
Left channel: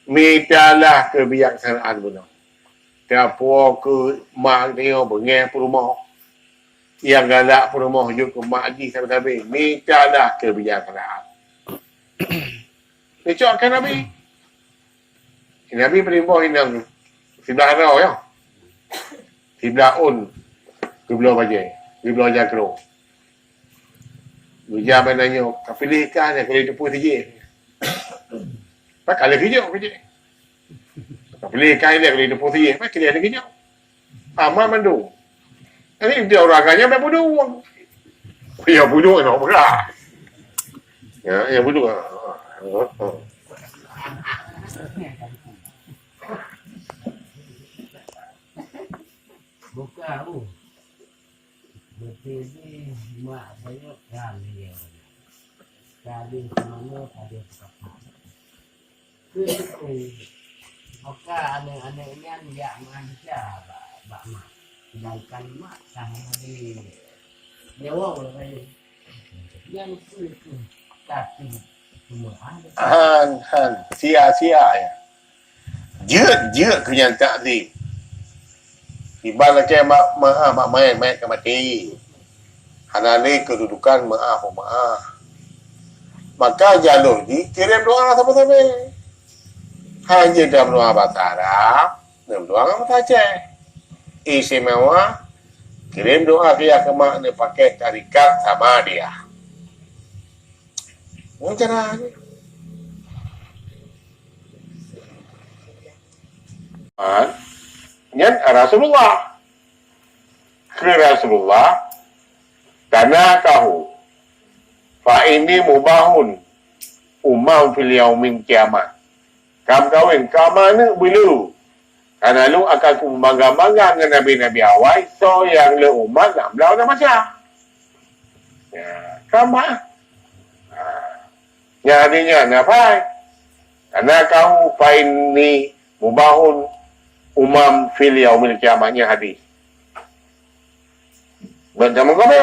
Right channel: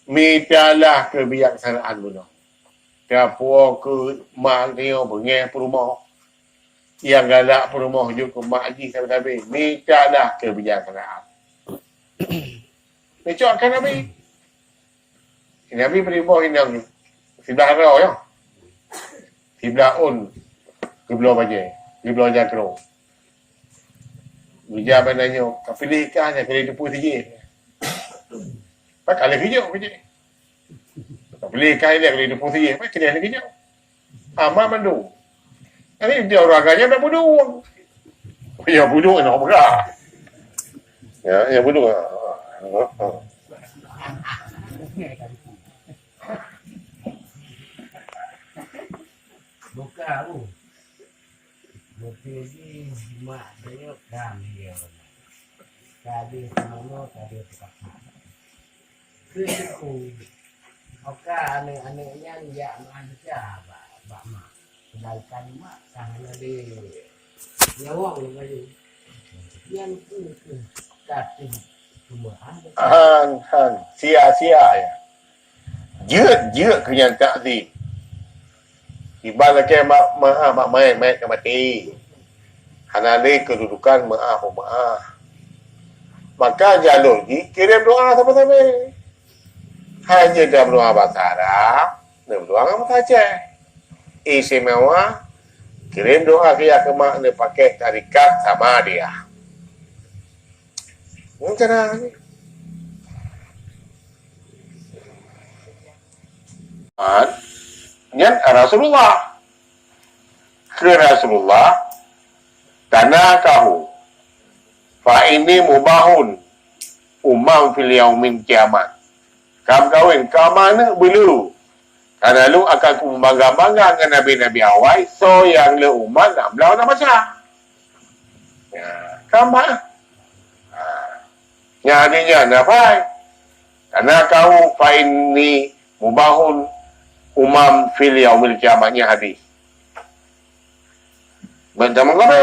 Mi pialah kebijaksanaan guna. Tiap ke mak dia bengeh rumah. Yang galak rumah juga ke mak haji sampai-sampai. Mi pialah kebijaksanaan. Dia cakap Nabi. Nabi berimbau inang sebelah rau ya. Sebelah un. Sebelah bajai. Sebelah jakro. Bija benarnya. Kapilih kan kalau itu pun saja. Pak kalau hijau kerja. Kapilih kan dia kalau itu pun saja. Pak kena hijau. Amal mandu. Ini dia orang agaknya nak bunuh. Ya bunuh nak berah. Ya bunuh. Buka tu. Betul ni mak saya kan dia. Tadi semua tadi tetap. Itu oka ane-anenya dia manusia bak mak. Sedangkan mak sana di nyawa belum kayu. Yang itu tapi semua ada. Han sia-sia ya. Jeut kenyataan ni. Ibaratnya mak main ke mati. Hanane kedudukan maaf. Maka jalur ni kirim doa sama-sama. Hanya dalam doa bahasa Arab, dalam doa bahasa Aceh. Istimewa kirim doa dia ke mak dia pakai tarikat sama dia. Macam ni. Nyan Rasulullah. Ke Rasulullah tanah kahu. Fa ini mubahun umam fil yaumin kiamat. Kam kawin kamana belu. Karena lu akan ku bangga-bangga dengan nabi-nabi awal, so yang le umat nak belau nak baca. Ya, kamah. Ya adinya nafai. Karena kau fa ini mubahun umam fil yaumil kiamatnya hadis. Baca mengapa?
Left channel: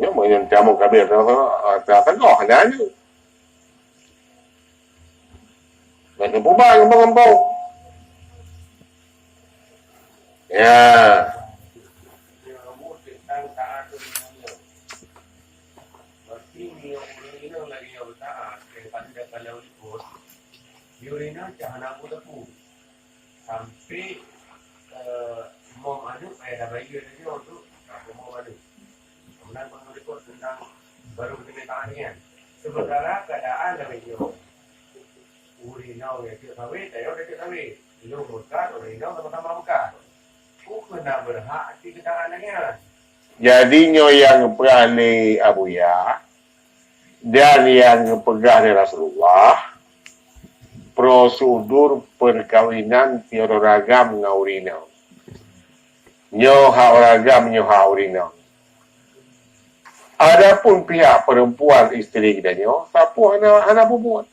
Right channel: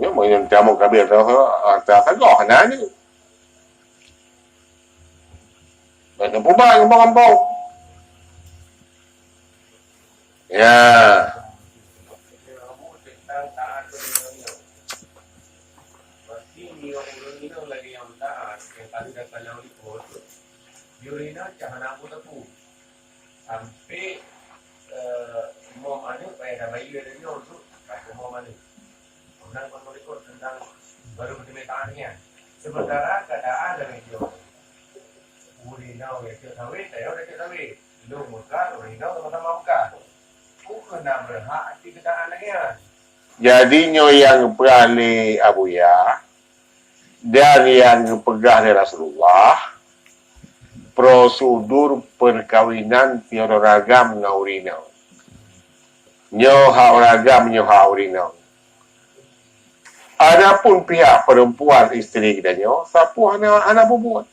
Ya, mungkin tamu kabir tak goh nah ni. Baca pubah ngembang-ngembang. Ya. Yurina jangan aku tepu sampai mau ada pada bayi ada ni untuk aku mau ada. Kemudian kalau ikut tentang baru permintaannya. Sementara keadaan lebih jauh. Urina ya tidak tahu, saya udah tidak tahu. Lu buka, urina sama-sama buka. Aku kena berhak di keadaannya. Jadinya yang berani Abu Ya Dan yang pegah dari Rasulullah prosedur perkawinan tiada ragam ngaurinau. Nyoha ragam nyoha urinau. Adapun pihak perempuan isteri kita nyo, sapu anak bubuat.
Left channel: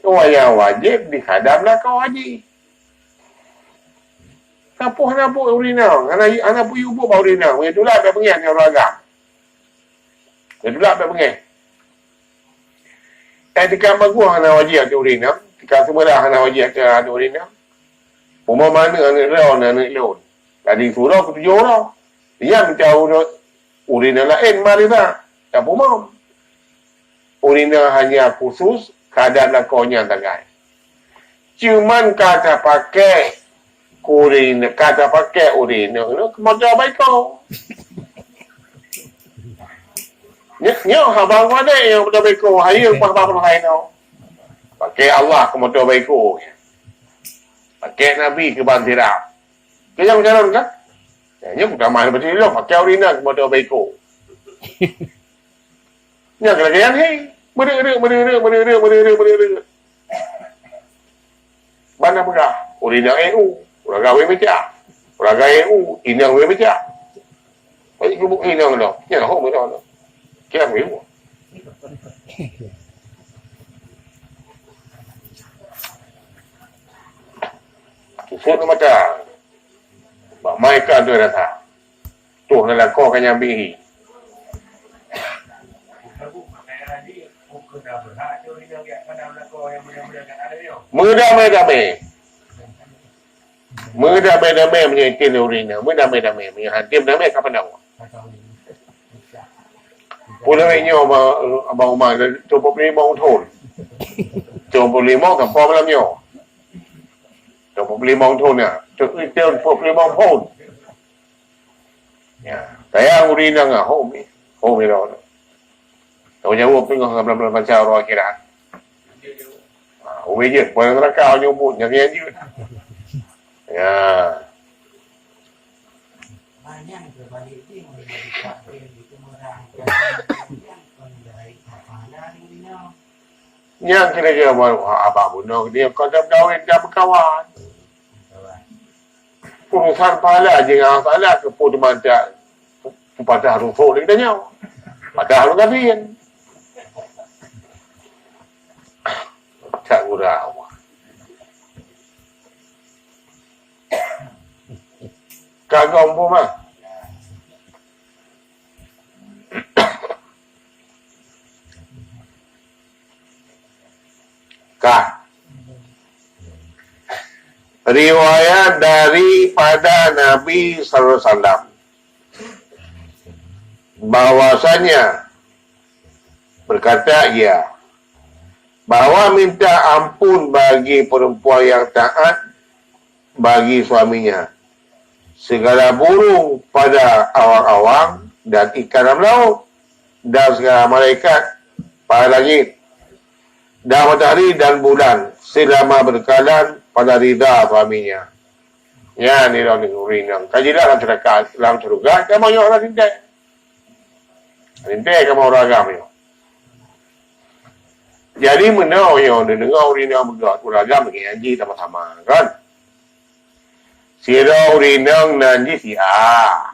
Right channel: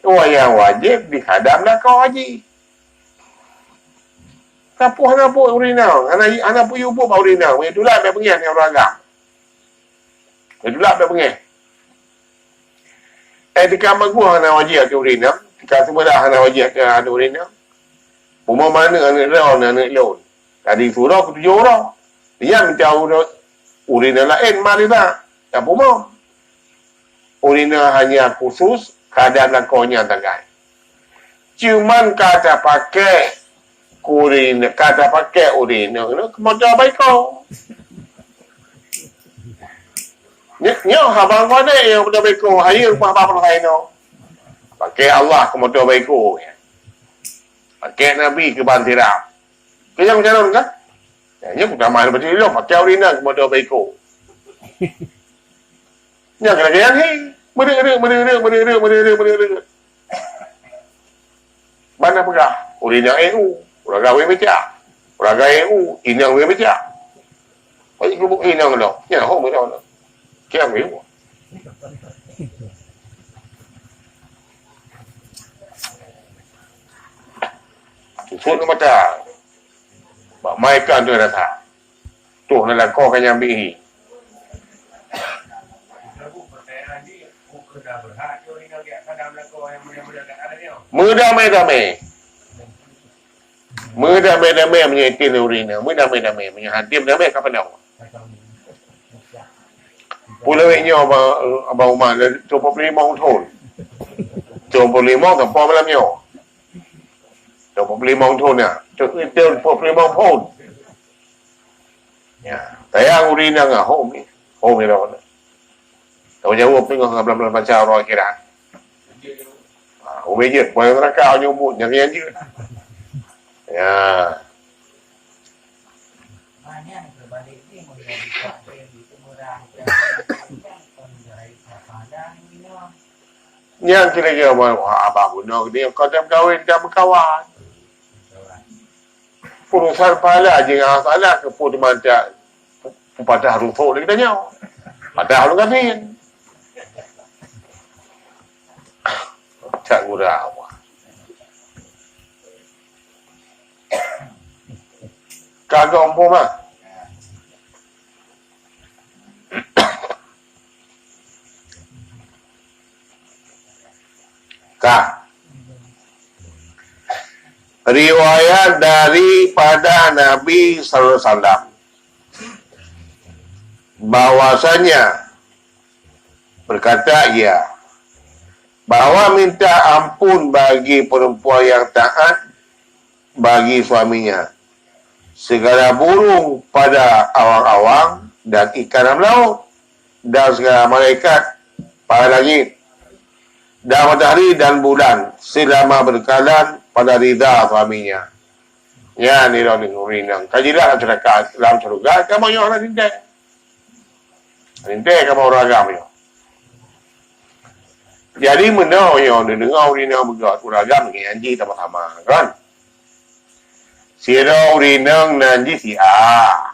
Yang wajib dihadamlah kau haji. Sapu anak bu urinau, anak bu yubu bau urinau. Itulah dia pengen yang ragam. Itulah dia pengen. Di kamar gua anak wajib ke urinam, jika semua dah anak wajib ke anak urinam. Rumah mana anak lawan, anak lawan. Tadi surah ketujuh orang. Yang jauh urinam lain, mari tak. Tak rumah. Urinam hanya khusus keadaan lakonya tagai. Cuman kata pakai urinam, kata pakai urinam, kemudian baik kau. Nyo habang mana yang betul baiko hari rumah bapa lain no. Pakai Allah ke motor baiko. Pakai Nabi ke bantira. Kaya macam kan? Nya bukan mahal betul lo pakai urina ke motor baiko. Nya kena ni. Beri. Mana pula? Urina EU, uraga we meja. Uraga EU, inang we meja. Oi ku inang lo. Nya ho mo lo. Kaya mo Susut na mata. Ba mai kan tu rasa. Tu na la ko kanya bihi. Merdamai-damai menyetin urina. Merdamai-damai menyehatim damai kapan dah. Pulangnya abang Umar 25 tahun. 25 กับพ่อมาแล้วเนี่ย25 tahun ya. 25 tahun. Ya, saya urina ngah homi. Homi dah. Tahu jawab tengok ngablam baca roh kira. Homi je, poin neraka nyumbut nyari je. Ya. Banyak berbalik ini menjadi kafir itu murah. Yang kira-kira abang bunuh dia kau dah berkahwin dah berkawan. Urusan pahala je yang salah ke pun mantap pada harufuk lagi tanya. Pada harus kafir. Tak gurau. Kagak pun mah. Riwayat daripada Nabi sallallahu alaihi wasallam bahwasanya berkata ia bahwa minta ampun bagi perempuan yang taat bagi suaminya segala burung pada awang-awang dan ikan dalam laut dan segala malaikat pada langit dan matahari dan bulan selama berkalan pada rida suaminya. Ya ni lo ni urinang. Kajilah dalam surga kamu yang orang rintai. Rintai kamu orang agam yo. Jadi menau yo dengar urinang begat uragam dengan janji sama-sama kan. Sira urinang nanti si A.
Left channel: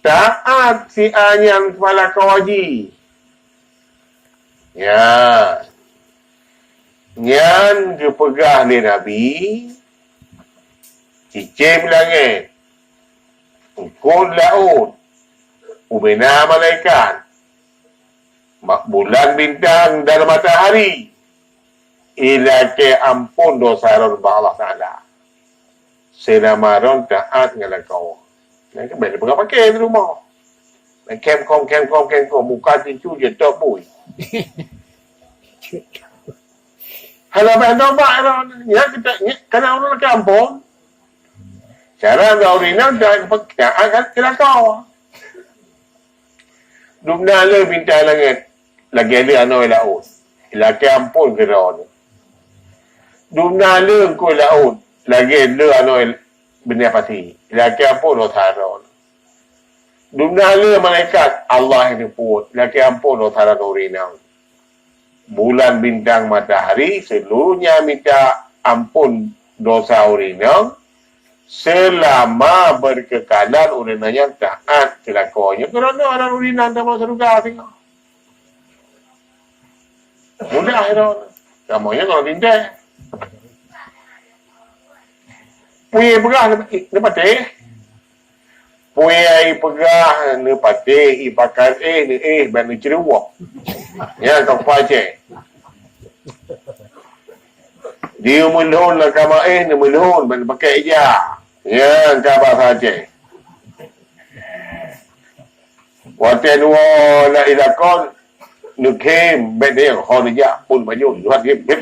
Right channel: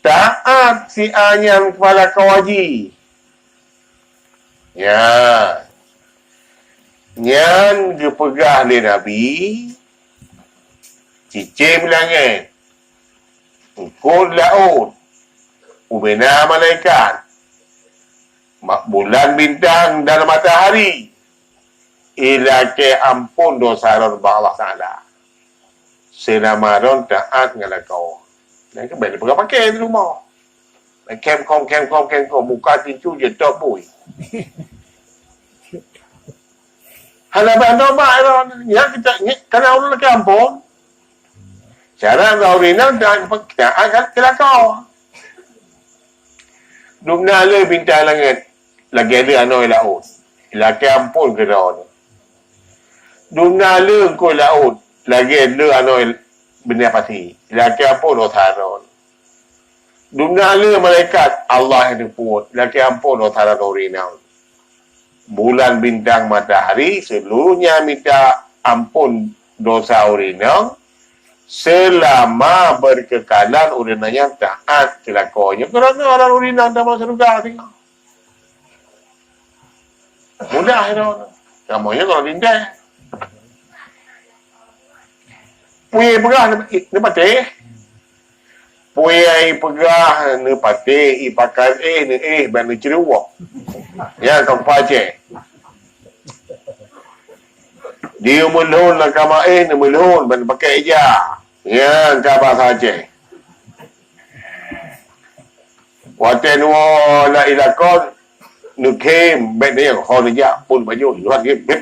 Taat si A yang kepala kawaji. Ya. Yang dipegah oleh Nabi cicim langit ukur laut ubena malaikat bulan bintang dan matahari ila ke ampun dosa ronba Allah Ta'ala selama ron taat dengan kau nak ke benda pegang pakai di rumah kem kom buka pintu je top boy halaman doba ya kita kena orang ke ampun cara urina dan pekerjaan kan kelakau dumna le bintang langit lagi ada anoi laut lagi ampun ke daun dumna le ko laut lagi ada anoi benda pasti lagi ampun otaron Dunia malaikat Allah yang diput. Laki ampun dosa dan urinang. Bulan, bintang, matahari seluruhnya minta ampun dosa urinang selama berkekalan urinanya taat kelakuannya. Kerana orang urinang tak masuk surga tengok. Mudah itu. Kamunya kalau tidak. Punya pegah ni patih. Punya pegah ni patih. Ipakan ni bagi ceruak. Ya, kau pakai. Dia melun lah kamar ni melun. Bagi pakai eja. Ya, kau saja. Waktu nuwa la ilakon. Nukem bên đây họ được dạ phun bao nhiêu loạt cái bếp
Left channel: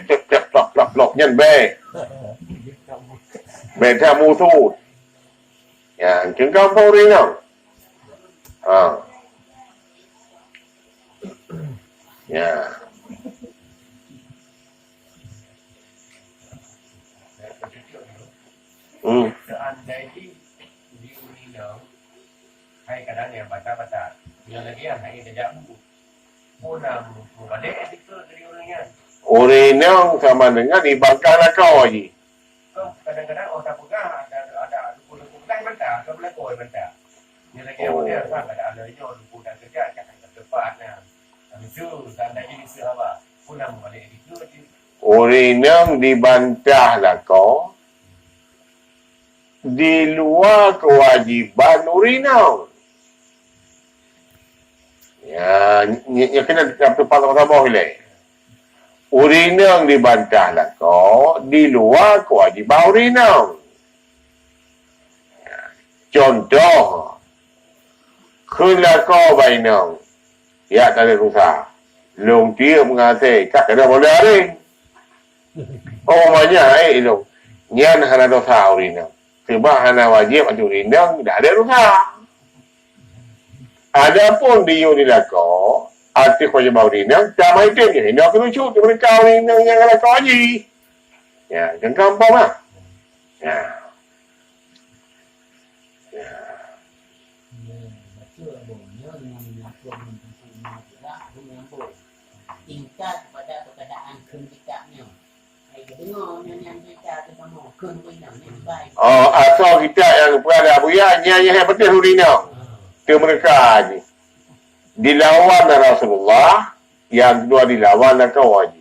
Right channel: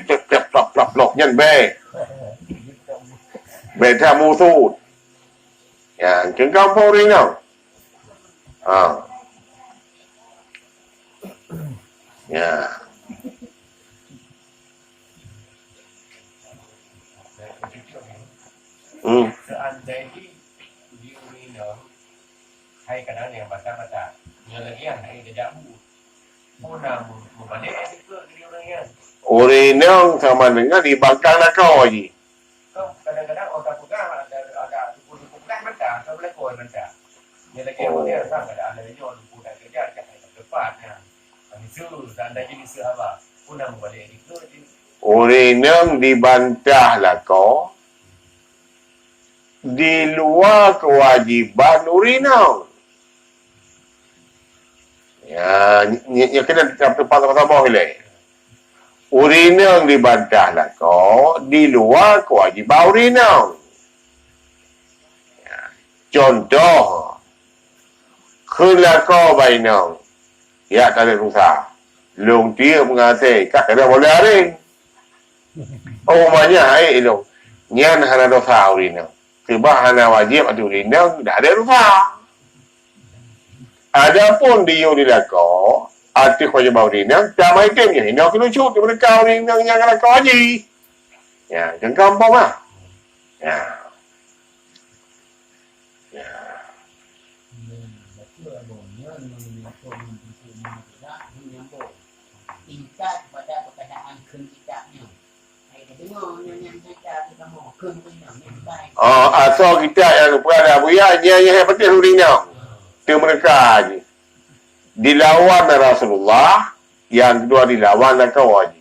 lọc nhân bè bè theo mua thu ya chứng cao phô đi nào ya Seandainya diurinam hay kadang yang baca-baca lagi yang hay tidak Punam membalik itu dari orangnya. Urinang sama dengan dibangkang nakau aja. Kau kadang-kadang orang pegang ada duku-duku pegang mentah, kau boleh koi mentah. Yang lagi yang dia sang ada nyol duku dan kerja jangan tepatnya. Kami tu seandainya di Sarawak punam membalik itu. Urinang dibantah lakau di luar kewajiban urinang. Ya, yang kena tempat bawah ni. Urinang dibantah lah kau di luar kewajiban urinang. Contoh, kena kau bainang, ya tak ada rusak. Long dia mengasih, tak kena boleh hari. Oh banyak itu. Nyan hana dosa urinang. Sebab hana wajib atau urinang dah ada rusak. Adapun dia dilakau, arti kewajiban urinang, tak mahu item je. Nak kena cut daripada kau urinang yang lakau haji. Ya, jangan kampung lah. Ya. Ya. Tingkat pada perkataan ketikaknya. Saya dengar yang kita mau ketikaknya. Asal kita yang berada buaya, yang betul urinang. Itu mereka haji. Dilawan Rasulullah, yang kedua dilawan kau haji.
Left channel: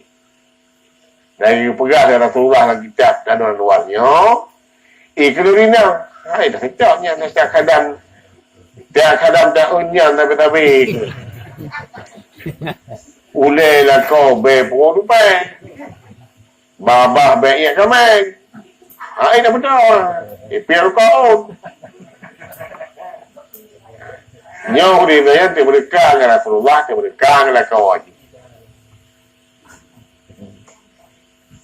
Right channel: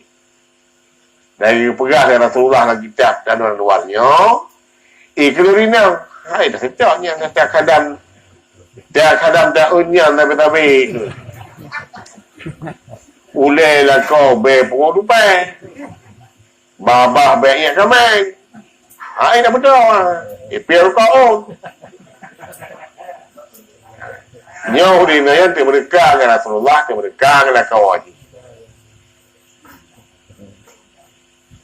Dari pegah dari Rasulullah lagi kitab dan luarnya. Kelurina, dah sejaknya nasihat kadam. Dia kadam tak unyan tapi. Ulai lah kau berpukul dupai. Babah baiknya kamai. Dah betul. Biar kau. Nyaw di na yan, tiberka nga Rasulullah, tiberka nga kau haji.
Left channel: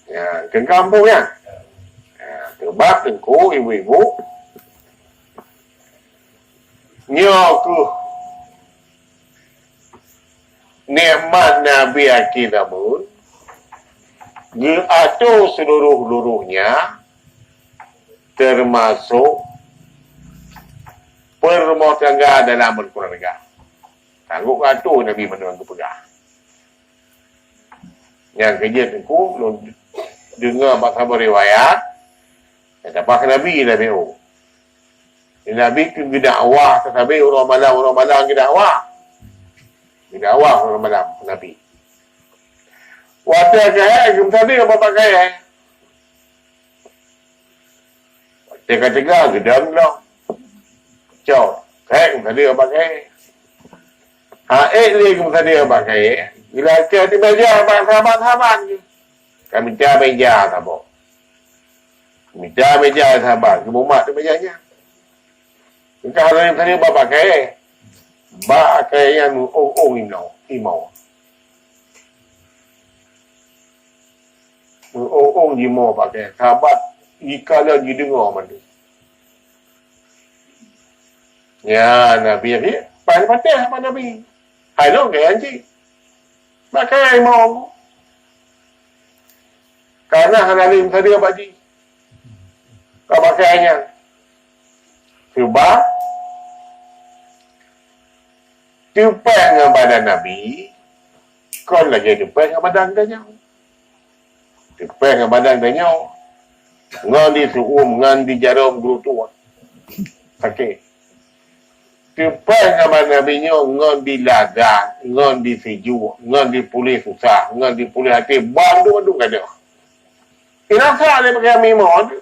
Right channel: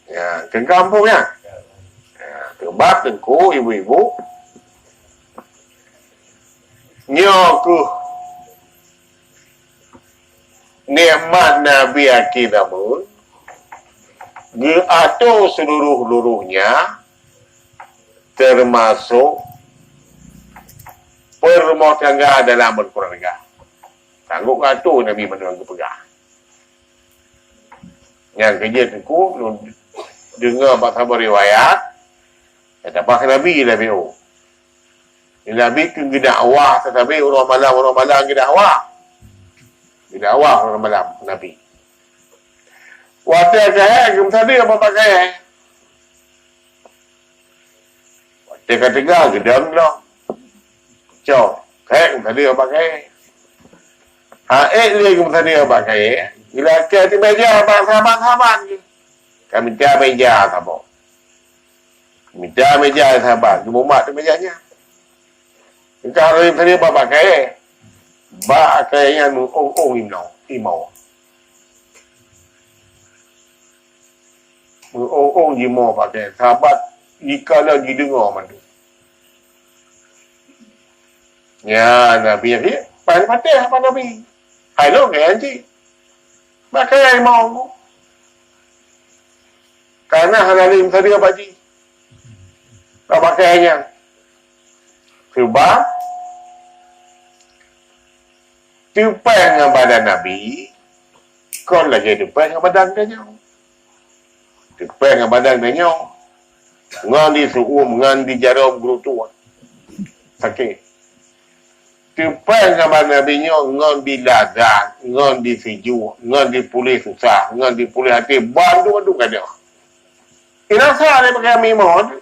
Ya, ke kampung ya. Terbat tengku ibu-ibu. Nyaw ku nikmat Nabi Aki namun diatur seluruh-luruhnya termasuk permau tangga dalam berkeluarga. Sanggup ngatur Nabi menengah pegang. Yang kerja tengku, dengar bahawa riwayat, kata Nabi Nabi Nabi ke dakwah, tetapi orang malam ke dakwah. Ke dakwah orang malam Nabi. Waktu kaya, kum tadi apa pakai? Waktu ketiga, gedang lah. Cok, kaya kum tadi apa pakai? Dia kum tadi apa pakai? Bila kaya di meja, sahabat-sahabat. Kami minta meja, sahabat. Minta meja, sahabat. Kemumat di mejanya. Kalau yang tadi apa pakai? Pakai yang imau. Imau pakai. Sahabat, jika lagi dengar mana. Ya, Nabi ni, patah apa Nabi? Hai lo, kaya anjing. Pakai imau. Karena halalim tadi apa ji? Tak pakainya. Sebab Tupai dengan badan Nabi, kau lagi tupai dengan badan dia. Tupai dengan badan dia. Ngan di suum, ngan di jarum guru tua. Sakit. Tupai dengan badan Nabi ngan di lazat, ngan di sejuk, ngan di pulih susah, ngan di pulih hati. Bandu kan dia. Irasa dia pakai mimon.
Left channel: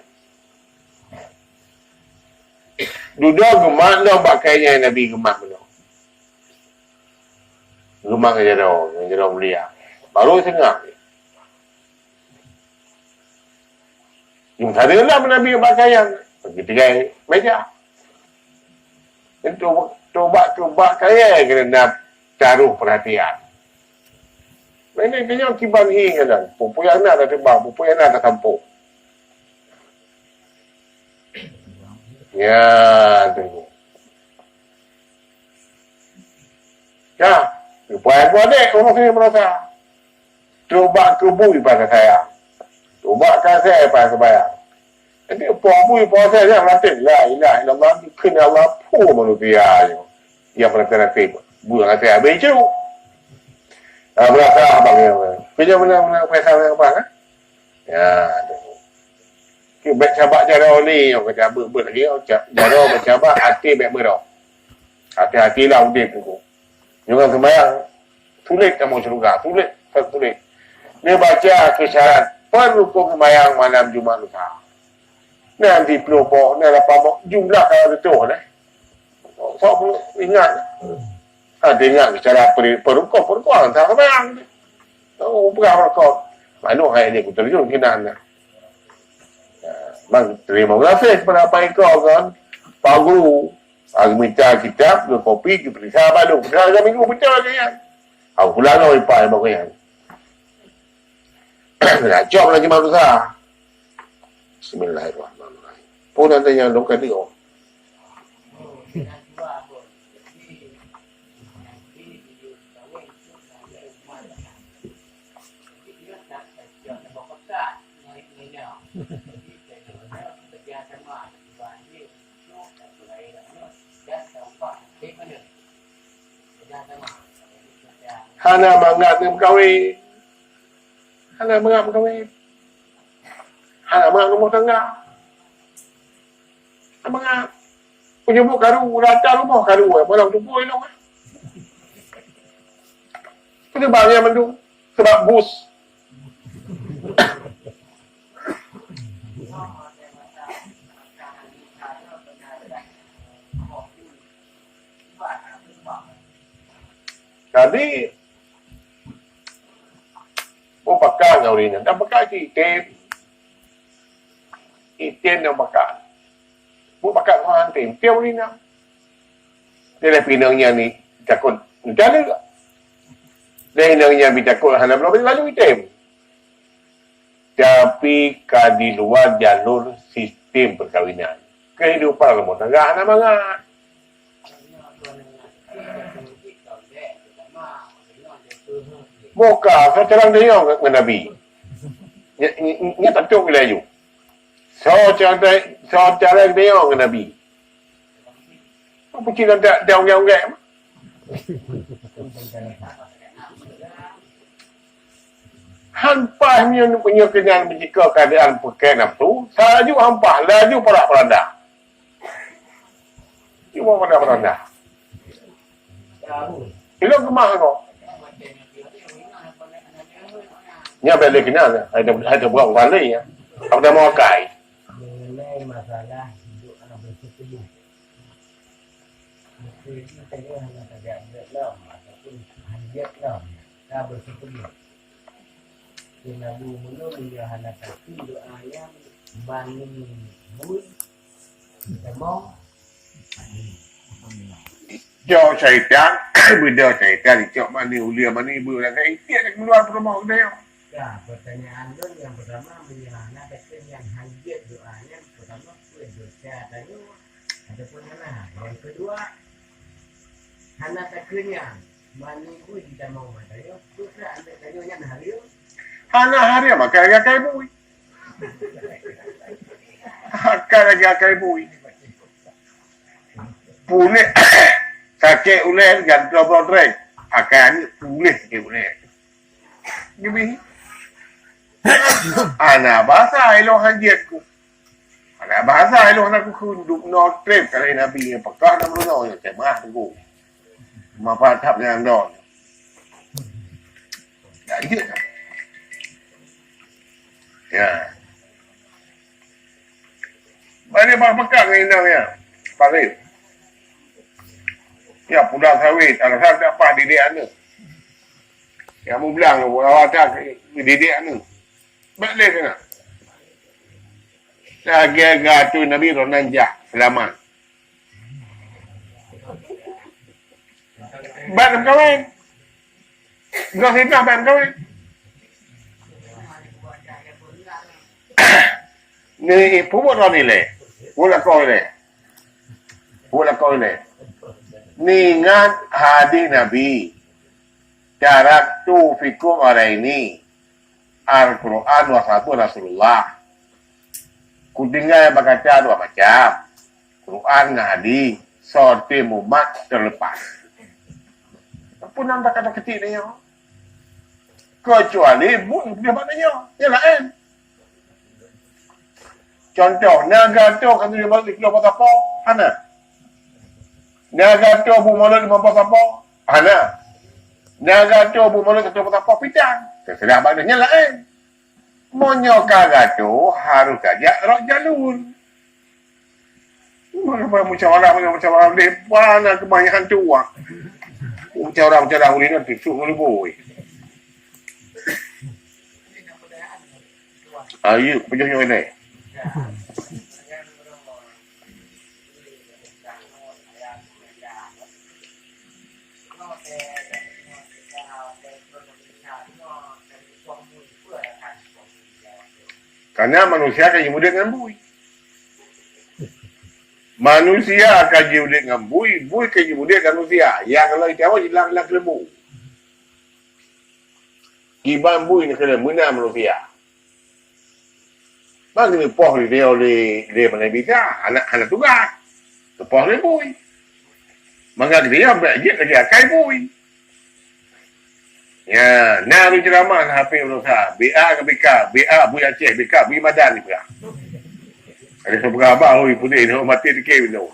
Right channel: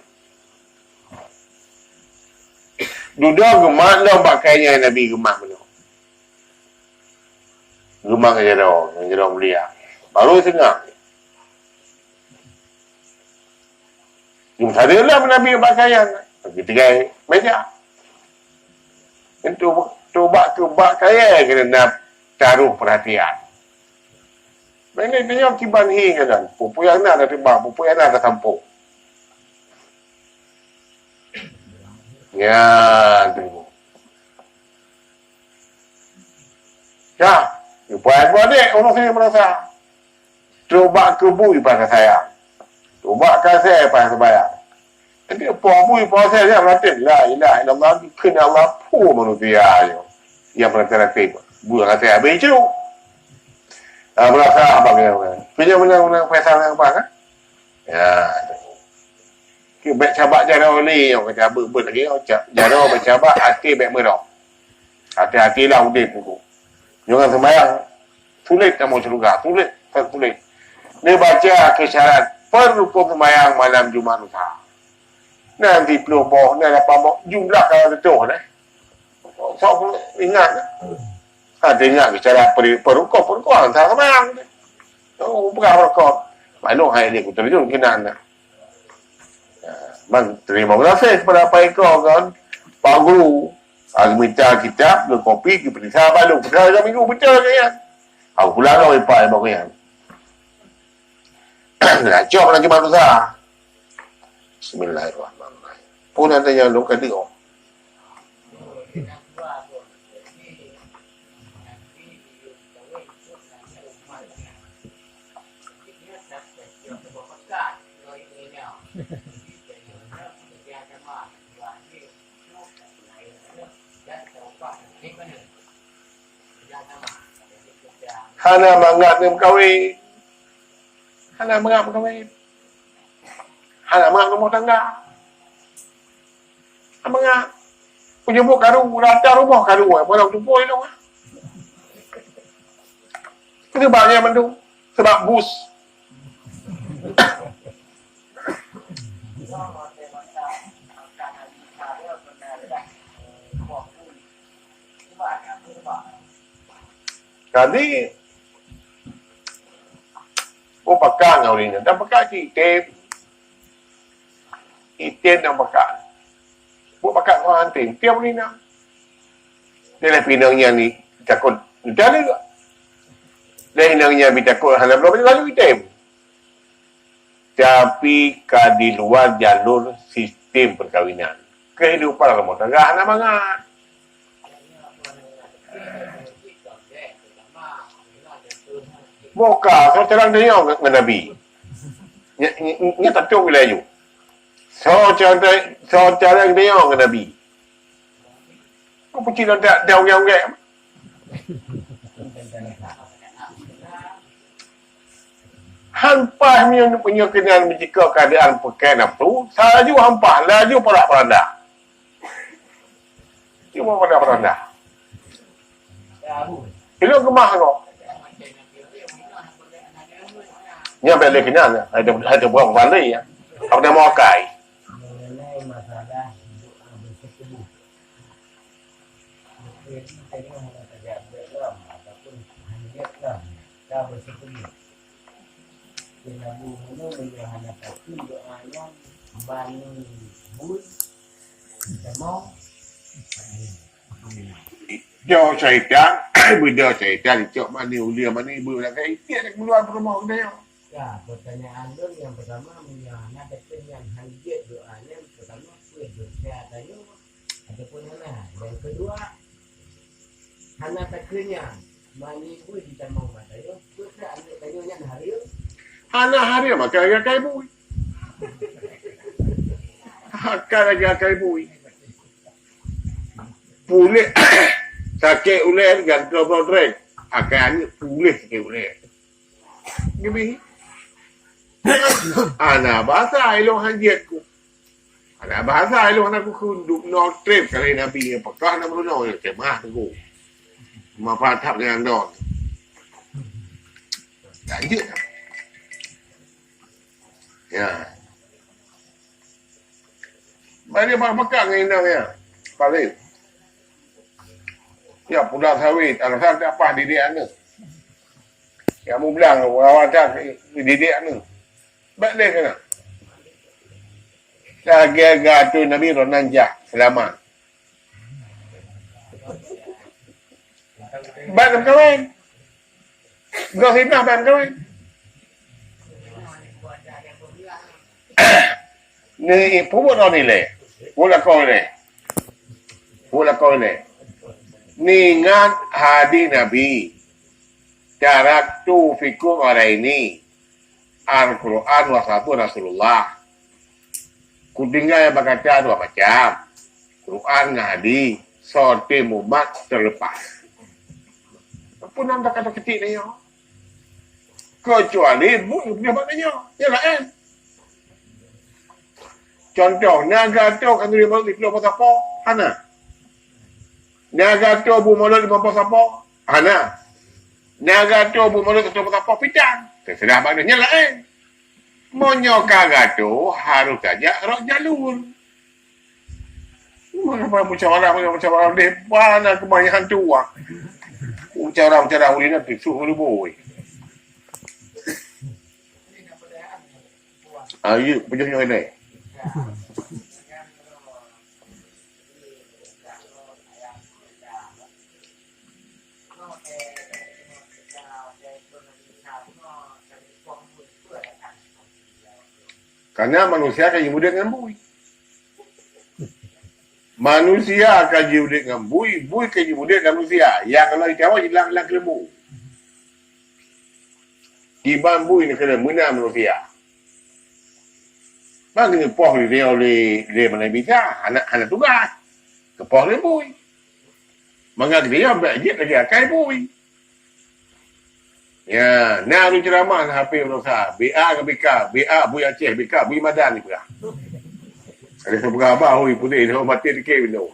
Duduk gemak dah pakainya Nabi gemak benar. Gemak yang jauh mulia. Baru tengah. Jom sana lah Nabi pakaian. Ketiga meja. Itu coba kaya kena nak taruh perhatian. Ini dia kiban hi kan. Pupu yang nak dah tiba, pupu yang nak dah tampuk. Ya, tu. Ya, puan adik orang sini merasa. Coba kebui pada saya. Coba kasih pada saya. Jadi puan saya dia mengatakan la ilaha illallah kena Allah pu manusia yo. Yang berarti buang hati habis itu. Berasa abang yang punya mana pasal yang apa kan? Ya. Baik cabak jara oli yang kata ber lagi jara bercabak hati baik merah. Hati-hatilah udip tu. Jangan sembahyang sulit kamu juga, sulit. Ni baca kisyarat perukun sembahyang malam Jumaat lusa. Nanti pelopoh, ni dapat jumlah kalau betul dah. So ingat ada ingat kisyarat perukun antara sembahyang. Oh, perukun. Mana hai ni aku terjun kena anda. Bang, terima kasih kepada Pak Eko kan. Pak Guru. Minta kitab, ke kopi, ke periksa balu. Periksa minggu betul kan. Aku pulang kau Pak yang bagus kan. Nak cok lagi manusia. Bismillahirrahmanirrahim. Pun ada yang luka dia. Hana menganggap dia berkahwin. Hana menganggap rumah tangga. Hana menganggap penyebut karu, rata rumah karu. Malam tu pun itu. Itu banyak mendu. Sebab bus. Tadi pakai kau ni, dah pakai item yang pakai. Pakai kau hantin, tiap ni nak. Ni lah pinangnya ni takut, dah ada. Dia pinangnya takut hanya berapa lalu item. Tapi di luar jalur sistem perkahwinan. Kehidupan rumah tangga anak mangat. Moka, so terang dia dengan Nabi. Ini tak tahu bila you. So terang dia dengan Nabi. Apa cina tak unggai-unggai? Hampah ni punya kenal jika keadaan pakai nafsu, salaju hampah, laju perak-peranda. Cuma peranda. Itu gemah kau. Ni apa lagi nak? Ada buang balik ya. Apa nama kai? Mengenai masalah hidup anak bersetubuh. Mungkin kita hanya tidak belum ataupun hanya belum dah bersetubuh. Kena bunuh menjahana kaki doa yang bangun bui semua. Cho syaitan, benda syaitan cok mana ulia mana ibu nak kai tiap nak keluar rumah dia. Ya, pertanyaan tu yang pertama menyahana kaki yang hajat doanya pertama berdosa tanya ataupun hana. Yang kedua hana kakinya mani bui kita mau matanya berkira anda tanya hari Hana hari makan kai bui. Makan kai bui. Boleh Kakek ulen kan kalau trek akan boleh kakek ulen. Gini. Ana bahasa elok hanjetku. Ana bahasa elok nak kunduk no trip kalau Nabi apakah nak menolong ya kemah tu. Mapa tap dengan don. Ya, ya. Mari bakal ini ya. Paling. Ya pulang sawit, alasan tak apa didik ni. Yang mu bilang awak didik ni. Balik kena. Lagi tu Nabi Ronanja selamat. Bạn kawin. Gak fitnah bạn kawin. Ni puput orang ni le. Pula kau le. Ni ngan hadis Nabi. Taraktu fikum ini. Al-Quran wa satu Rasulullah. Kutinggal baca dua macam. Quran hadis. Sorti mumat terlepas. Apa nama kata kecil ni? Kecuali bukan punya maknanya. Dia lain. Contoh, naga tu kan dia balik keluar apa? Hana. Naga tu bu malu di mampu apa? Hana. Naga tu bu malu keluar apa? Pitang. Terserah maknanya lain. Monyokaga tu harus saja rok jalur. Musyawarah dia mana kebanyakan tua. Musyawarah uli nanti suruh uli boy. Ayo, penjahit ini. Karena manusia akan hidup dengan bui. Manusia akan hidup dengan bui, bui akan hidup dengan manusia. Yang kalau ditawar, hilang kelembu. Iban bui ni kena menang manusia. Mana kena poh dia oleh mana bisa, anak tugas. Kepoh dia bui. Maka dia belajar kerja kai bui. Ya, nak lu ceramah HP berusaha. BA ke BK, BA Bui Aceh, BK Bui Madan ni pula. Ada seberapa abang hui putih dia mati dikit tu.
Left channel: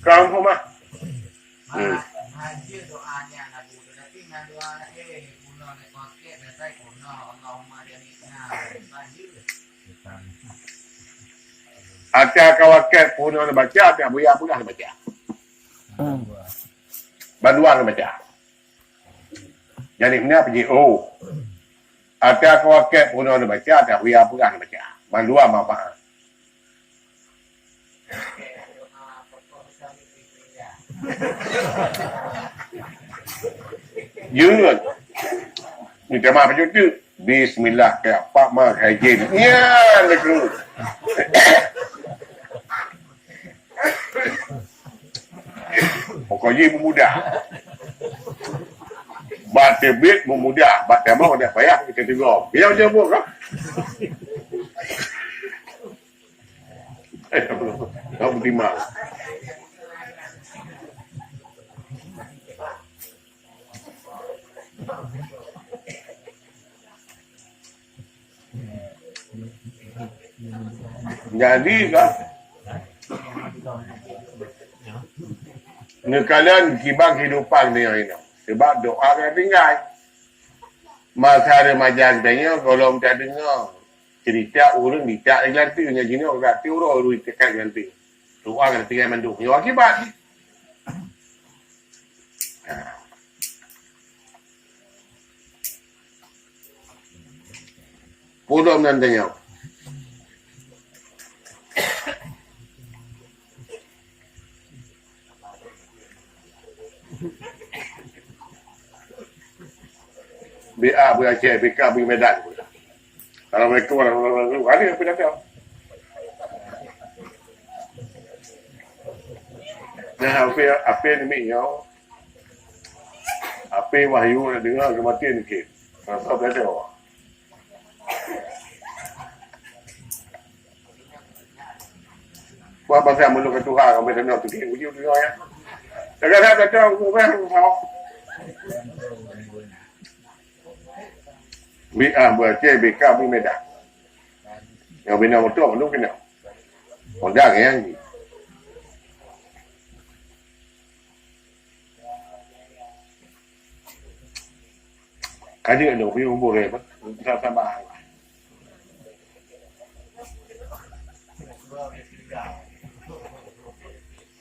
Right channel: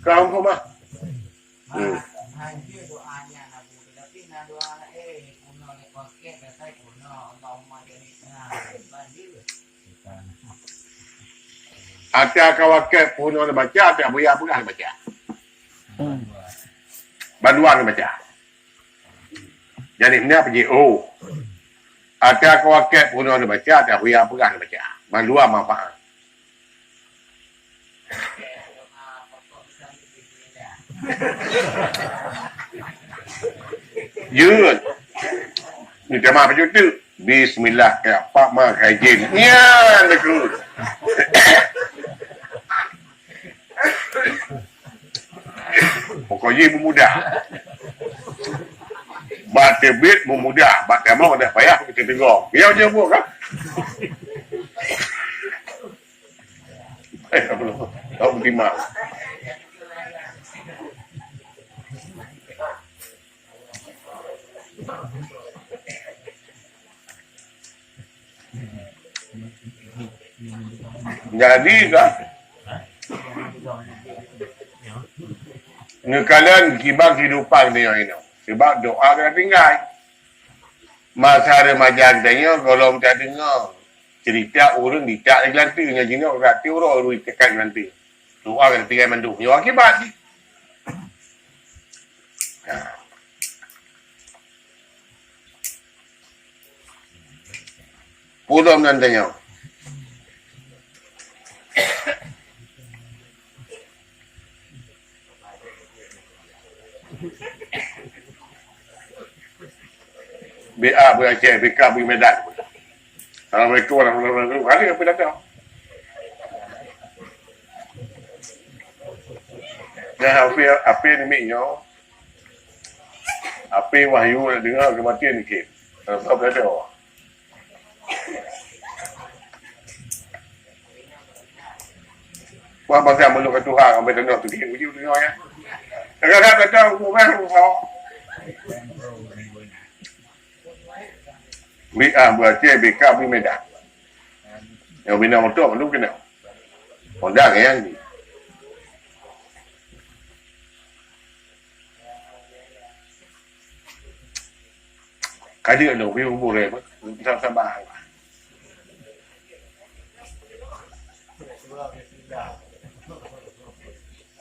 Kau pun mah. Haji doanya Nabi tapi doa kuno ne pakai dasar kuno Allahumma janina banjir. Ada kawakan puno nak baca, tak buaya pun nak baca. Banduan baca. Jadi ni apa je? Oh. Ada kawakan puno nak baca, tak buaya pun nak baca. Banduan apa? Yun. Ni tema apa tu? Bismillah kayak Pak Mak Hajin. Ya, betul. Pokoknya mudah. Baca bit mudah. Baca mau ada payah kita tengok. Dia je buat kan? Apa lu? Tahu bagaimana? Jadi kan ngekalan kibang kehidupan dia ini. Sebab doa kena tinggal. Masa remaja katanya kalau tak dengar cerita orang tidak lagi lantai dengan jina orang hati orang orang tekan lantai. Doa kena tinggal mandu. Yang akibat ni. Pulau menantanya. BA Bui Aceh, BK Bui Medan. Assalamualaikum warahmatullahi wabarakatuh. Ada yang pilih tahu? Nah, apa ni miknya? Apa wahyu nak dengar kematian ni ke? Apa pilih tahu? Wah pasal mulut ke Tuhan kau betul tu kiri uji tu ya. Negara tak tahu kau kan kau. Berarti BK ni medan. Yang bina motor lu kena. Honda yang ni. Kaji ada punya umur apa? Sabar.